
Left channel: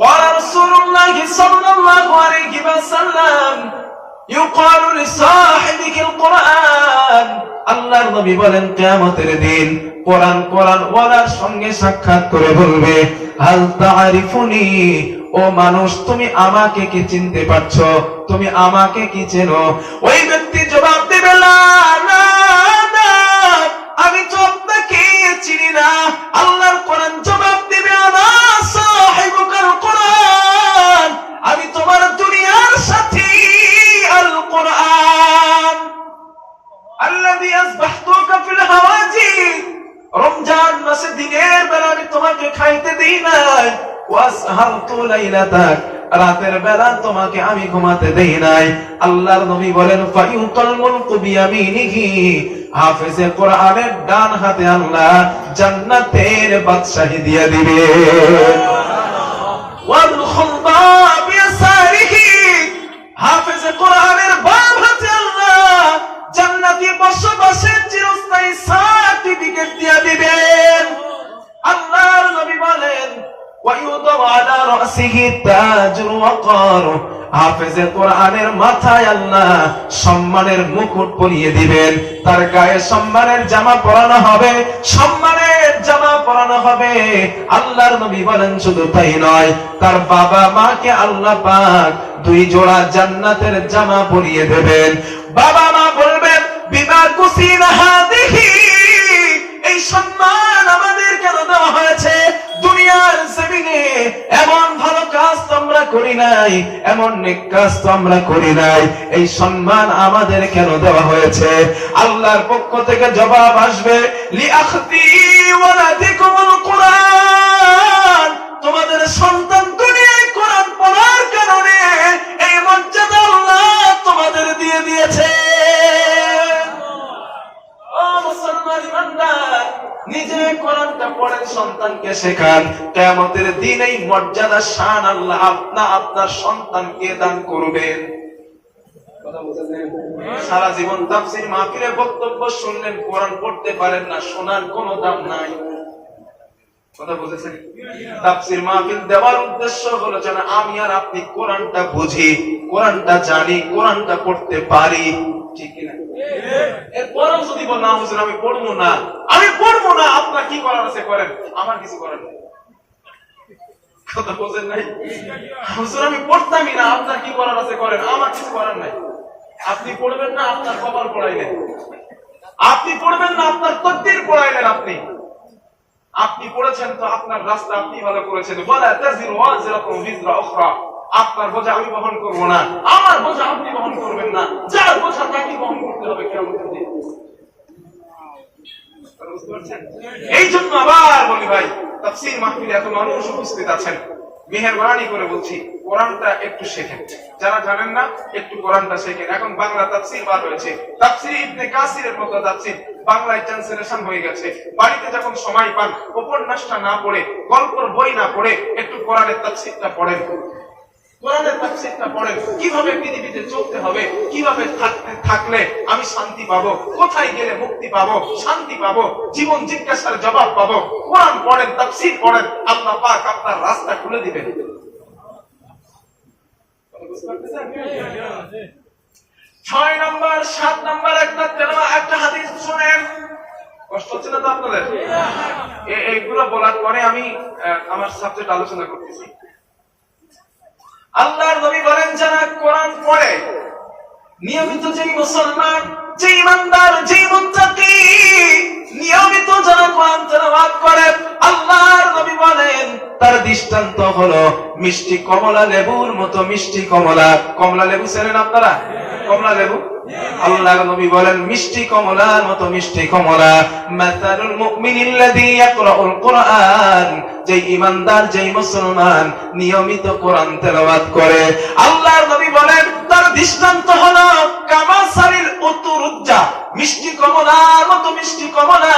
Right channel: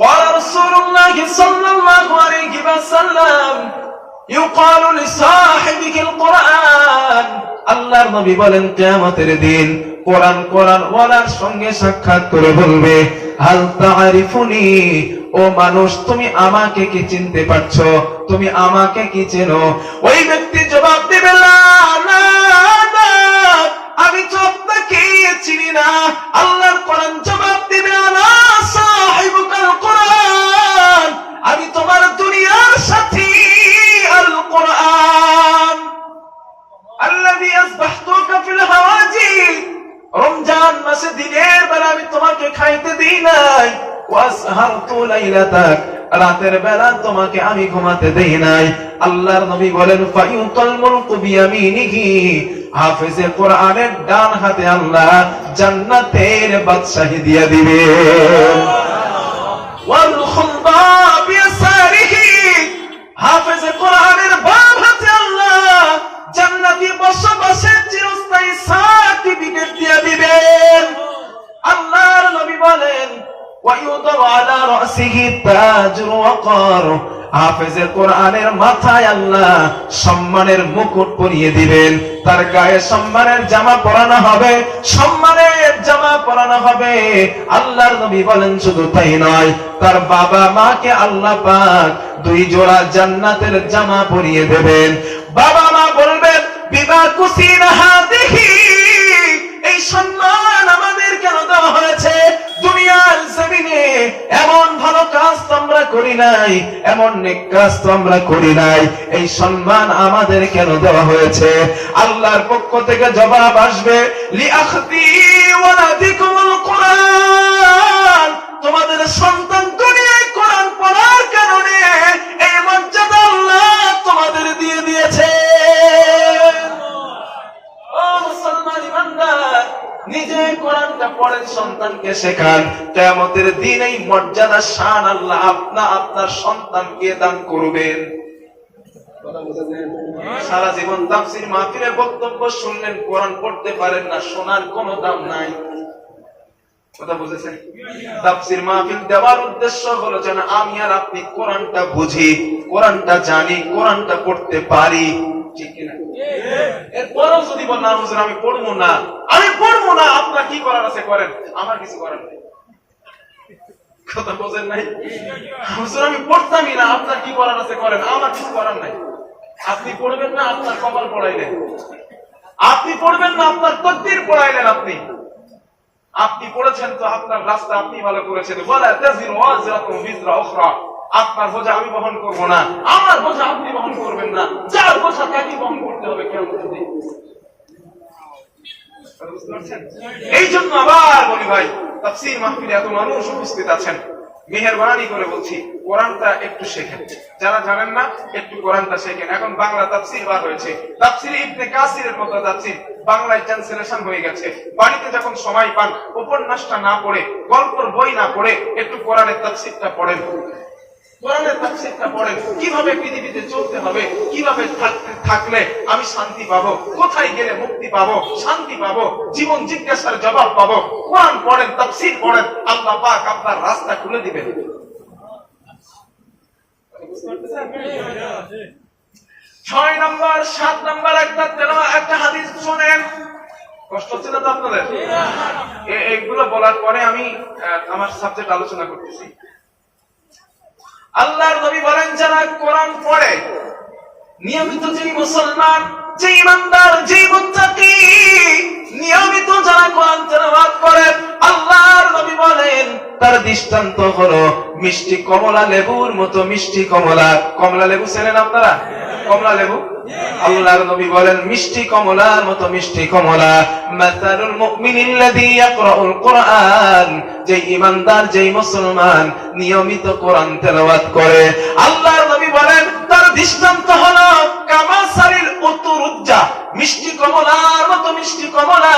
قال رسول الله صلى الله عليه وسلم يقال لصاحبك القرآن। আল্লাহর নবী বলেন, কিয়ামতের দিন কোরআন ওয়ালার সঙ্গে সাক্ষাৎ করে বলবে, হাল তাআরিফুনি, ও মানুষ তুমি আমাকে কি চিনতে পারছো? তুমি আমাকে কি চেনো? ওই ব্যক্তি জবাব দিবে, না না, আমি তো আপনাকে চিনি না। আল্লাহর কোরআন জবাব দিবে, না সাহিবুকাল কোরআন, আমি তোমার দুনিয়ার সাথী আল কোরআন আল্লাযী আসবাহতুকা ফিল হাওয়াজিদ। রমজান মাসে দিনের বেলা আমি তোমাকে খাইতে দেই নাই, ওয়াসহারতু লাইলাতাক, রাতের বেলা তোমাকে আমি ঘুমাতে দেই নাই। আল্লাহর নবী বলেন, ফায়ুতাল মুলকু বিয়ামিনিহি, হাফেজে কোরআনের ডান হাতে আল্লাহ জান্নাতের বাদশাহী দিয়ে দিবে। ওয়াল খুলবা বিয়াসারিহি, হাফেজে কোরআনের বাম হাতে আল্লাহ জান্নাতি বসবাসের চিরস্থায়ী সার্টিফিকেট দিয়ে দিবেন। আল্লাহর নবী বলেন, ওয়ায়ুদাউ আলা রাসিহি তাজুর ওয়াকার, হাফেজে কোরআনের মাথায় আল্লাহ সম্মানের মুকুট পরিয়ে দিবেন। তার গায়ে সম্মানের জামা পরানো হবে, সম্মানের জামা পরানো হবে। আল্লাহর নবী বলেন, শুধু তাই নয়, তার বাবা মাকে আল্লাহ পাক 2 জোড়া জান্নাতের জামা পরিয়ে দেবেন। বাবা মা বলবেন, বিমা কুসিনা হাদিহি, এই সম্মান আমাদের কেন দেওয়া হয়েছে? দুনিয়ার জমিনে এমন ভালো কাজ তো আমরা করি নাই, এমন নেক কাজ তো আমরা করি নাই, এই সম্মান আমাদের কেন দেওয়া হয়েছে? আল্লাহর পক্ষ থেকে জবাব আসবে, লিআখতি ওয়ালাদিকুমুল কোরআন, তোমাদের সন্তান দুনিয়ায় কোরআন পড়ার কারণে এই মর্যাদা আল্লাহ তোমাদের দিয়ে দিয়েছে। ও মুসলমান ইমানদার, নিজে কোরআনটা পড়েন, সন্তানকে শেখান। কিয়ামতের দিন এই মর্যাদা শান আল্লাহ আপনার সন্তানকে দান করবেন। কথা বুঝেছেন? সারা জীবন তাফসীর মাহফিলে বক্তব্য শুনলেন, কোরআন পড়তে পারেন না, শোনার কোনো দাম নাই। কথা বুঝেছেন? তাফসীর মাহফিল দেওয়ার উদ্দেশ্য হলো যেন আমি আর আপনি কোরআনটা বুঝি, কোরআনটা জানি, কোরআনটা পড়তে পারি। ঠিক কিনা? এরপরেও যদি বল, না হুজুর আমি পড়বো না, আপনার কি করার আছে করেন, আমার কিছু করার নেই। কথা বোঝেন নাই? হুজুর আমি পড়তামই না, আপনার কি করার আছে করেন, আমার কিছু করার নাই। আপনি পড়বেন না, আপনার কপাল পড়াইলেন। আপনি পড়বেন না, আপনার তকদীর পড়াইলেন। আপনি পড়েছেন তো আপনার রাস্তা আপনি ভালো করেছেন। ওয়ালা তাযিরু ওয়াজিরাতুন বিজরা উখরা, আপনার বোঝা আমি বহন করব না, আমার বোঝা আপনি বহন করবেন না, যার বোঝা তাকে বহন করতে হবে কিয়ামতের দিন। বুঝতে পারছেন? এই জন্য আবার বলি ভাই, তাফসীর মাহফিলে এত মানুষ উপস্থিত আছেন, মেহেরবানি করে বলছি কোরআনটা একটু শেখেন। যারা জানেন না একটু কোরআনটা শেখেন। এখন বাংলা তাফসীর বার হয়েছে, তাফসীর ইবনে কাসিরের মতো তাফসীর বাংলায় ট্রান্সলেশন হয়ে গেছে। বাড়িতে যখন সময় পান, উপন্যাসটা না পড়ে, গল্পের বই না পড়ে, একটু কোরআনের তাফসীরটা পড়েন। কোরআনের তাফসীরটা পড়েন, কিভাবে পৃথিবীতে চলতে হবে, কিভাবে থাকলে আমি শান্তি পাবো, কোথায় গেলে মুক্তি পাবো, শান্তি পাবো, জীবন জিজ্ঞাসার জবাব পাবো। কোরআন পড়েন, তাফসীর পড়েন, আল্লাহ পাক আপনার রাস্তা খুলে দিবেন। 6 নম্বর 7 নম্বর একটা হাদিস শুনেন। কষ্ট হচ্ছে না তো আপনাদের? এইগুলো বলার পরে আমি আমার সাবজেক্ট আলোচনা করতেছি। আল্লাহর নবী বলেন, যারা কোরআন পড়ে, নিয়মিত যে মুসলমান, যে ইমানদার, যে মুত্তাকি, নিয়মিত যারা কোরআন তেলাওয়াত করে, আল্লাহর নবী বলেন তার দৃষ্টান্ত হলো মিষ্টি কমলা লেবুর মতো। মিষ্টি কমলা, কমলা লেবু চেনেন আপনারা? কমলা লেবু, আল্লাহর নবী বলেন মিষ্টি কমলার মতো মিষ্টি কমলা। মাসালুল মুমিনিল্লাযী ইয়াকরাউল কুরআন, যে ইমানদার, যে মুসলমান নিয়মিত কোরআন তেলাওয়াত করে, আল্লাহর নবী বলেন তার দৃষ্টান্ত হলো কামাসারিল উতুরুজ্জা, মিষ্টি কমলার মতো মিষ্টি কমলা।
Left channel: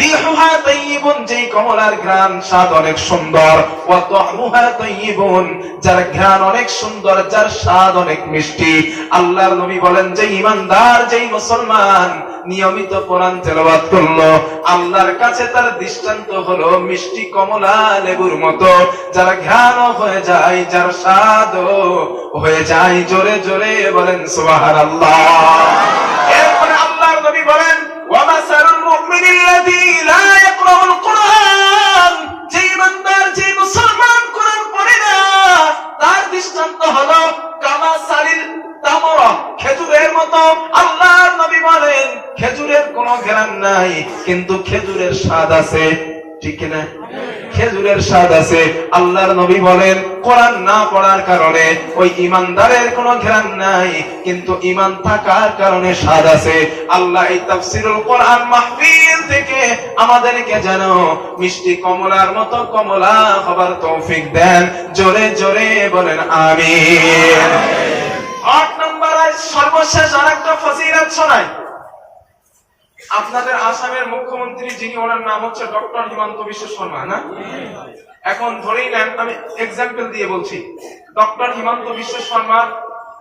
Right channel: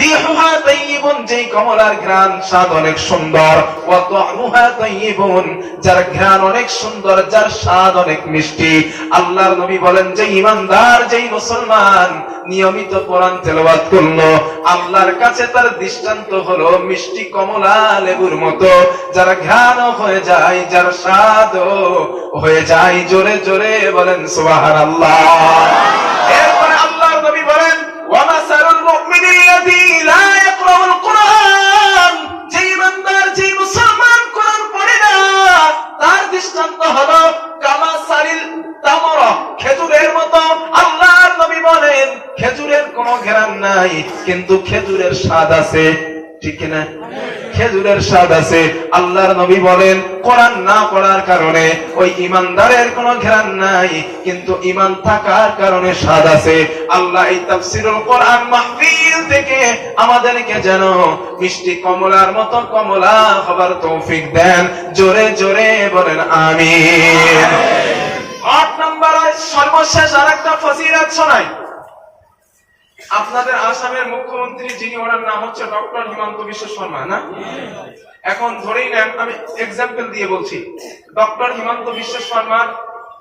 রিহুহা তাইয়িবুন, যে কমলার ঘ্রাণ স্বাদ অনেক সুন্দর। ওয়া তা'মুহা তাইয়িবুন, যার ঘ্রাণ অনেক সুন্দর, যার স্বাদ অনেক মিষ্টি। আল্লাহর নবী বলেন যে ইমানদার, যে মুসলমান নিয়মিত কোরআন তেলাওয়াত করলো, আল্লাহর কাছে তার দৃষ্টান্ত হলো মিষ্টি কমলা লেবুর মতো, যার ঘ্রাণ হয়ে যায়, যার স্বাদ হয়ে যায়। জোরে জোরে বলেন সুবহানাল্লাহ। এরপরে আল্লাহর নবী বলেন ওয়া মাসালুল মুমিনিল্লাযী লা ইয়াকরাউল কুরআন, যে ইমানদার, যে মুসলমান কোরআন পড়ে না, তার দৃষ্টান্ত হলো কামাসালিল তামরা, খেজুরের মতো। আল্লাহর নবী বলেন খেজুরের কোনো ঘ্রাণ নাই, কিন্তু খেজুরের স্বাদ আছে। ঠিক কিনা? খেজুরের স্বাদ আছে। আল্লাহর নবী বলেন কোরআন না পড়ার কারণে ওই ইমানদারের কোনো ঘ্রাণ নাই, কিন্তু ঈমান থাকার কারণে স্বাদ আছে। আল্লাহ এই তাফসীরুল কোরআন মাহফিল থেকে আমাদেরকে যেন মিষ্টি কমলার মতো কমলা হবার তৌফিক দেন। জোরে জোরে বলেন আমিন। 8 নম্বরে সর্বশেষ আরেকটা ফজিলত শোনাই। আপনাদের আসামের মুখ্যমন্ত্রী যিনি, ওনার নাম হচ্ছে ডক্টর হিমন্ত বিশ্ব শর্মা, না? এখন ধরেই নেন, আমি এক্সাম্পল দিয়ে বলছি, ডক্টর হিমন্ত বিশ্ব শর্মার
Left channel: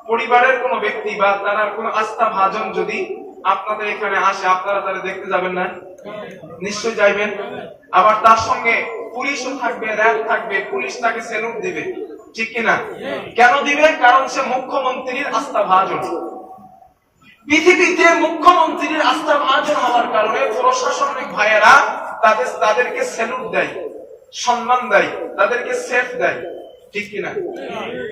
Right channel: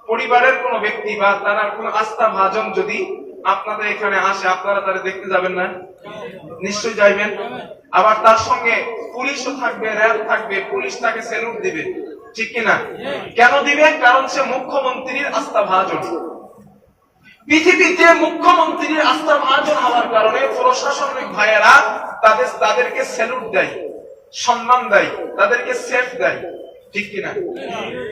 পরিবারের কোন ব্যক্তি বা তারা কোন আস্থা ভাজন যদি আপনাদের এখানে আসে, আপনারা তারা দেখতে যাবেন না? নিশ্চয়ই যাইবেন। আবার তার সঙ্গে পুলিশও থাকবে, র্যাব থাকবে, পুলিশ তাকে স্যালুট দিবে। ঠিক কিনা? কেন দিবে? কারণ সে মুখ্যমন্ত্রীর আস্থা ভাজন। পৃথিবীতে মুখ্যমন্ত্রীর আস্থা ভাজন হওয়ার কারণে প্রশাসনিক ভাইয়েরা তাদেরকে স্যালুট দেয়, সম্মান দেয়, তাদেরকে সেফ দেয়। ঠিক কিনা?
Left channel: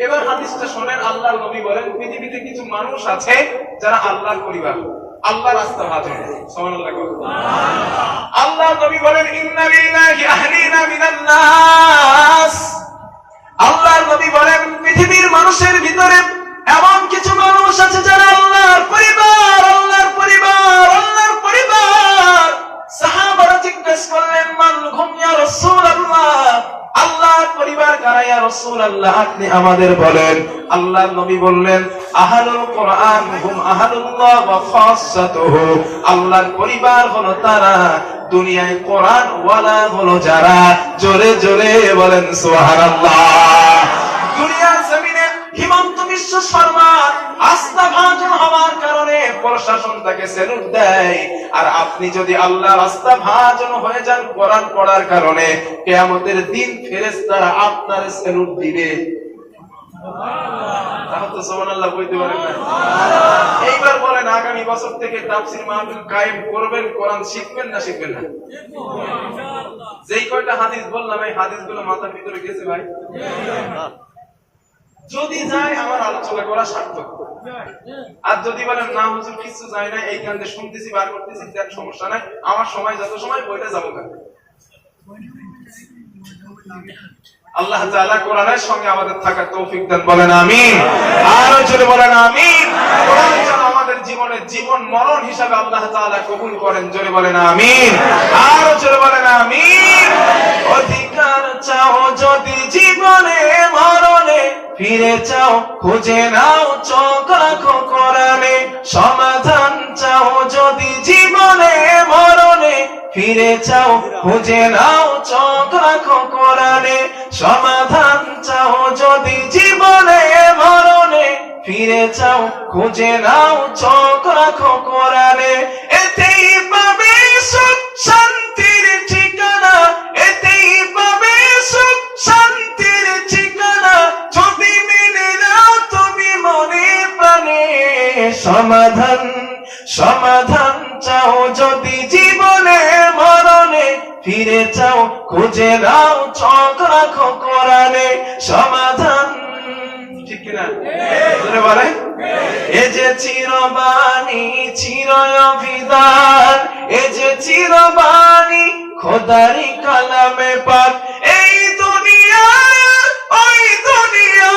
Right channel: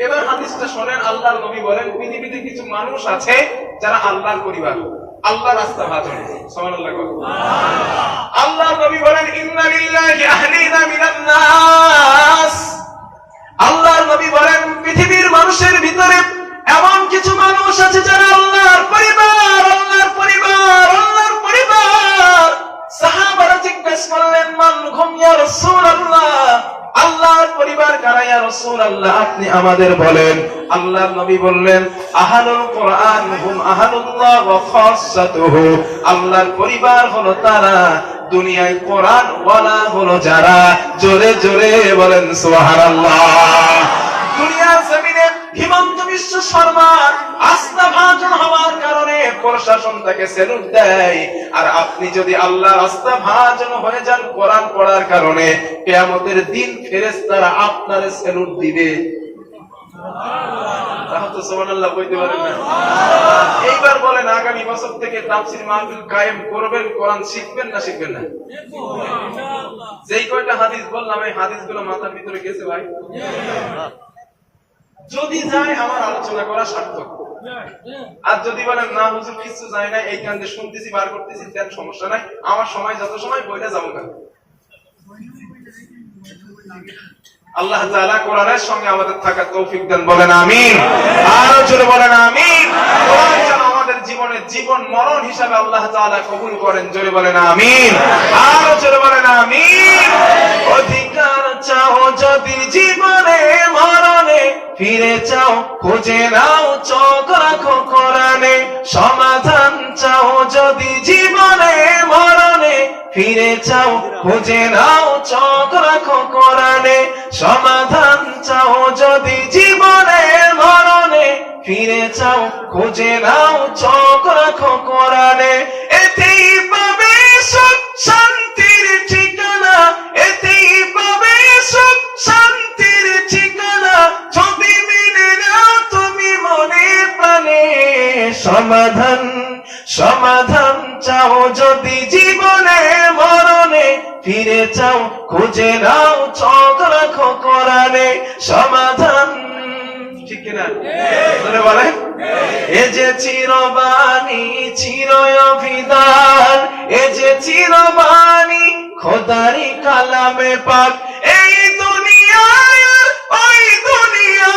এবার হাদিসটা শোনেন। আল্লাহর নবী বলেন পৃথিবীতে কিছু মানুষ আছে যারা আল্লাহর পরিবার, আল্লাহর আস্থা ভাজন। সুবহানাল্লাহ। আল্লাহর নবী বলেন ইন্না লিল্লাহি আহলিনা মিনান নাস। আল্লাহর নবী বলেন পৃথিবীর মানুষের ভিতরে এমন কিছু মানুষ আছে যারা আল্লাহর পরিবার, আল্লাহর পরিবার, আল্লাহর পরিবার। সাহাবারা জিজ্ঞাসা করলেন মান হুম ইয়া রাসূলুল্লাহ, আল্লাহর পরিবার কারা ইয়া রাসূলুল্লাহ, আপনি আমাদের বলেন। আল্লাহর নবী বললেন আহলুল কোরআন হুম আহলুল্লাহ ওয়া খাসাতুহু, আল্লাহর পরিবার হলো তারা, দুনিয়ায় কোরআন ওয়ালা হলো যারা। জোরে জোরে বলেন সুবহানাল্লাহ। দুনিয়ার জমিনে হিমন্ত বিশ্ব শর্মা আস্থা ভাজন হওয়ার কারণে প্রশাসন তাকে স্যালুট দেয়। আর আপনি যদি আল্লাহর আস্থা ভাজন হয়ে যান কোরআন পড়ার কারণে, কিয়ামতের দিন ফেরেশতারা আপনারে স্যালুট দিবে। তাহলে তো সুবহানাল্লাহ বলতে পারেন না? এইবার বলেন আগামী বছর থেকে তাফসীর মাহফিল কায়েম করবেন, কোরআন শিখবেন না শিখবেন না? যেই কয়টা হাদিস বললাম এই হাদিসগুলো মাথার ভিতরে গেছে ভাই? যদি যায় আমার আলোচনা করা সার্থক। আর যদি বলেন না হুজুর কিছু যায় না, এই কারণে শুনতেছি বার করতেছি, তার সমস্যা নাই, আমার সময় যত সময় বইটা যাবো কেন। আল্লাহ তাআলা কোরআনের সঙ্গে আমাদের থাকার তৌফিক দেন, বলেন আমিন। আরো জোরে বলেন আমিন। কোরআন যেন আমাদের জীবনে জীবন মরণ হিসাবে আল্লাহ তাআলা কবুল করেন। জোরে বলেন আমিন, আর জোরে বলেন আমিন। অধিকার চাও যদি জীবনে মরণে, ফিরে চাও খুঁজে নাও চোখ রাখো কোরআনে। সমাধান চাও যদি জীবনে মরণে, ফিরে চাও খুঁজে নাও চোখ রাখো কোরআনে। সমাধান চাও যদি জীবনে মরণে, ফিরে চাও খুঁজে নাও চোখ রাখো কোরআনে। এতেই পাবে সুখ শান্তির ঠিকানা, এতেই পাবে সুখ শান্তির ঠিকানা, যদি মেনে নাও তুমি মনে প্রাণে। সমাধান সমাধান চাও যদি জীবনে মরণে, ফিরে চাও খুঁজে নাও চোখ রাখো কোরআনে। সমাধান ঠিক কিনা বলেন? এ যে চিরবাণী চির অভিধান, এ যে চিরবাণী খোদারি কালামে পাক। এই দুনিয়ায় ওই দুনিয়া,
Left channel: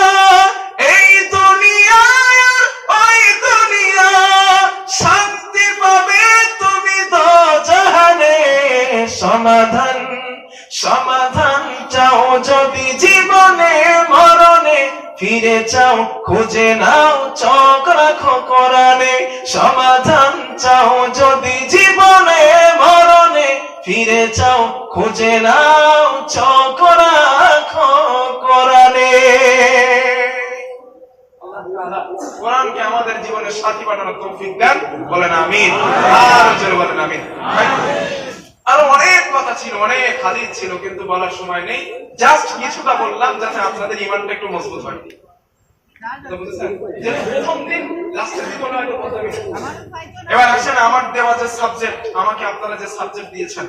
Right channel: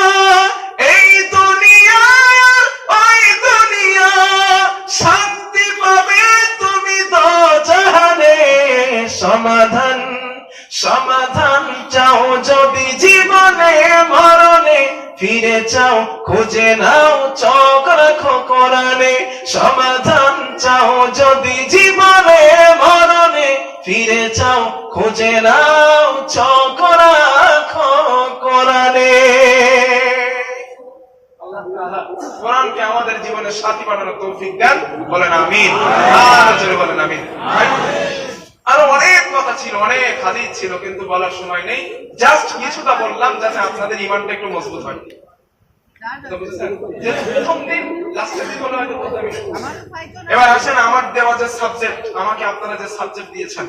এই দুনিয়ায় ওই দুনিয়া, শান্তি পাবে তুমি দোজাহানে। সমাধান সমাধান চাও যদি জীবনে মরণে, ফিরে চাও খুঁজে নাও চোখ রাখো কোরআনে। সমাধান চাও যদি জীবনে মরণে, ফিরে চাও খুঁজে নাও চোখ রাখো কোরআনে। কোরআনকে আমাদের জীবনের সাথী বানানোর তৌফিক দেন, বলেন আমিন, আর জোরে বলেন আমিন। আরো অনেক কথা ছিল, অনেক হাদিস ছিল, কিন্তু বলার সময় নেই। জাস্ট কিছুটা বললাম যাতে আপনাদের ঈমানটা একটু মজবুত হয়। প্রথম দিন লাস্টের দিন হলো হয়তো বলতে হবে। এবার আসেন আমার দেওয়া যে সাবজেক্ট, আমাকে আপনারা যে সাবজেক্ট দিয়েছেন,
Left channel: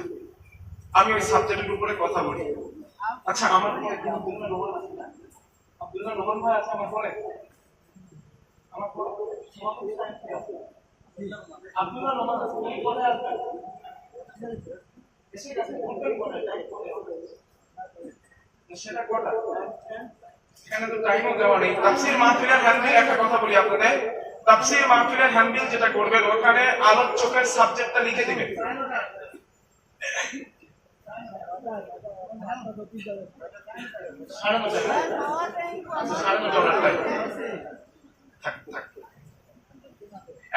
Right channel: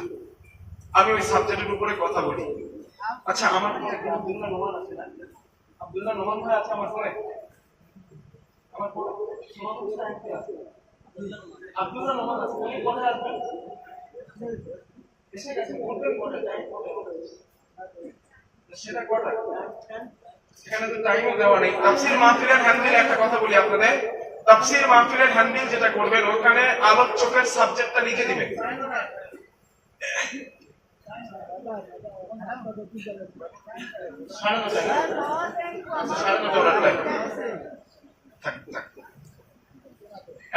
আমি ওই সাবজেক্টের উপরে কথা বলি। আচ্ছা, আমার আব্দুল্লাহ নোমান আছে না? আব্দুল্লাহ নোমান ভাই আছে আমার পরে? আমার পরে আব্দুল্লাহ নোমান আছে, উনি কোথায় আসবেন? এসে গেছে, বলবেন কটা টাইম করে সেটা কটা? এখানে তো টাইমও দেওয়া নেই। তাফসীর মাহফিলের হ্যান্ডবিল একটা কথা বলি আপনাদের। তাফসীর মাহফিলের হ্যান্ডবিল যেটা করবেন, ওখানে আলোচকের সাবজেক্টটা লিখে দিবেন।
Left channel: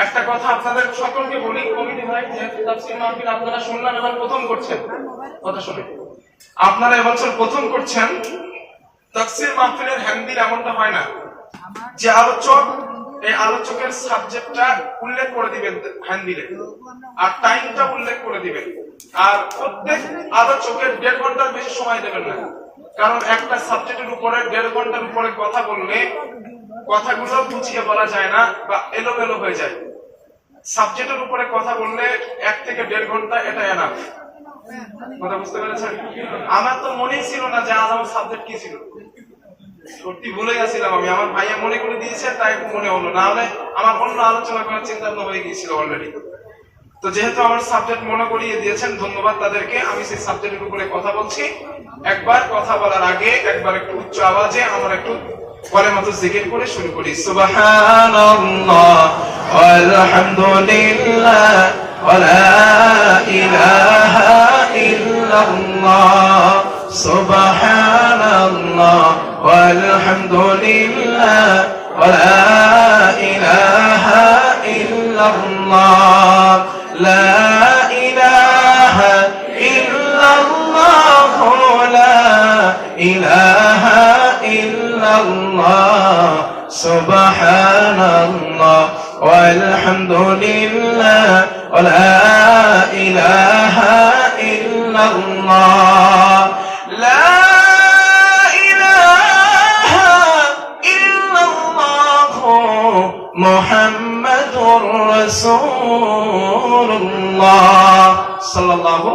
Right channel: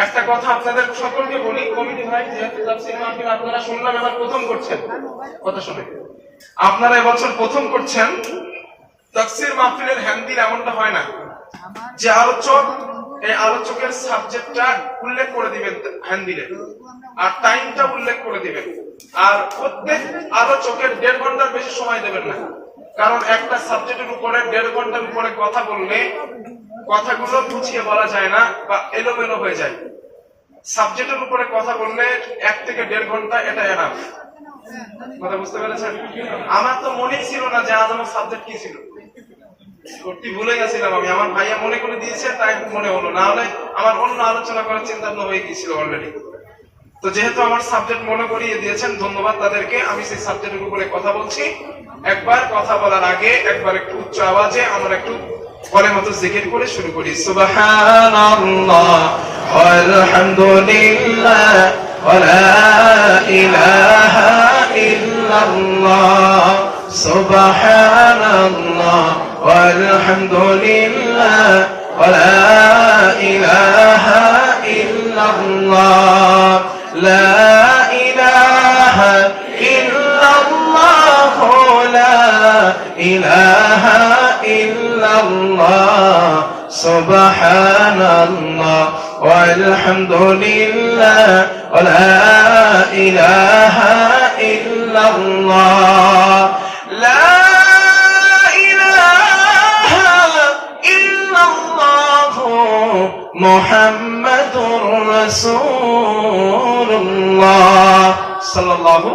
একটা কথা আপনাদের সকলকে বলি, কমিটি ভাই যেহেতু তাফসীর মাহফিল আপনারা শুনলাম এবার প্রথম করছেন, কথা শুনে আপনারা এবছর প্রথম করছেন, তাফসীর মাহফিলের হ্যান্ডবিল এমনটা হয় না যে আলোচক এই আলোচকের সাবজেক্টটা উল্লেখ করে দিবেন হ্যান্ডবিলে, আর টাইমটা উল্লেখ করে দিবেন, আর প্রত্যেক আলোচকের 1.5 ঘন্টার বেশি সময় দেবেন না। কারণ একটা সাবজেক্টের উপরে 1.5 ঘন্টার উপরে কথা বললে কথাগুলো গুছিয়ে বলা যায় না বা এলোমেলো হয়ে যায়। সাবজেক্টের উপরে কথা বললে 1 থেকে 1.5 ঘন্টা, এটা এনাফ। কথা বুঝতে পেরেছেন? আমার তো মনে ছিল না যে আজ আমার সাবজেক্ট কি ছিল, সত্যি ভুলে গেছিলাম আমি। আমার ভাইয়া মনে করে দিয়েছে তাই মনে হলো, না হলে আমার অন্য আলোচনা করার চিন্তা ভাবনা হয়ে গিয়েছিল অলরেডি। তো যেহেতু আমার সাবজেক্ট মনে করিয়ে দিয়েছেন, ধন্যবাদ তাদেরকে। আমি সেই সাবজেক্টের উপরে কথা বলছি। একবার কথা বলার আগে একবার একটু উচ্চ আওয়াজে আমরা একটু কলেমাতু জিকির করে শুরু করি। সুবহানাল্লাহ আলহামদুলিল্লাহ ওয়া লা ইলাহা ইল্লাল্লাহ, সুবহানাল্লাহ walhamdulillah wa la ilaha illallah, la ilaha illallah, la ilaha illallah, subhanallah walhamdulillah wa la ilaha illallah, la মুহাম্মাদুর রাসূলুল্লাহ সাল্লাল্লাহু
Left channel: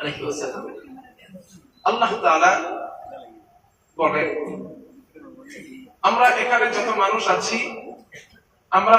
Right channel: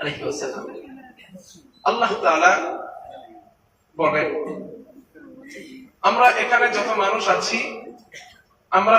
আলাইহি ওয়াসাল্লাম। আল্লাহ তাআলা বলেন, আমরা এখানে যত মানুষ আছি আমরা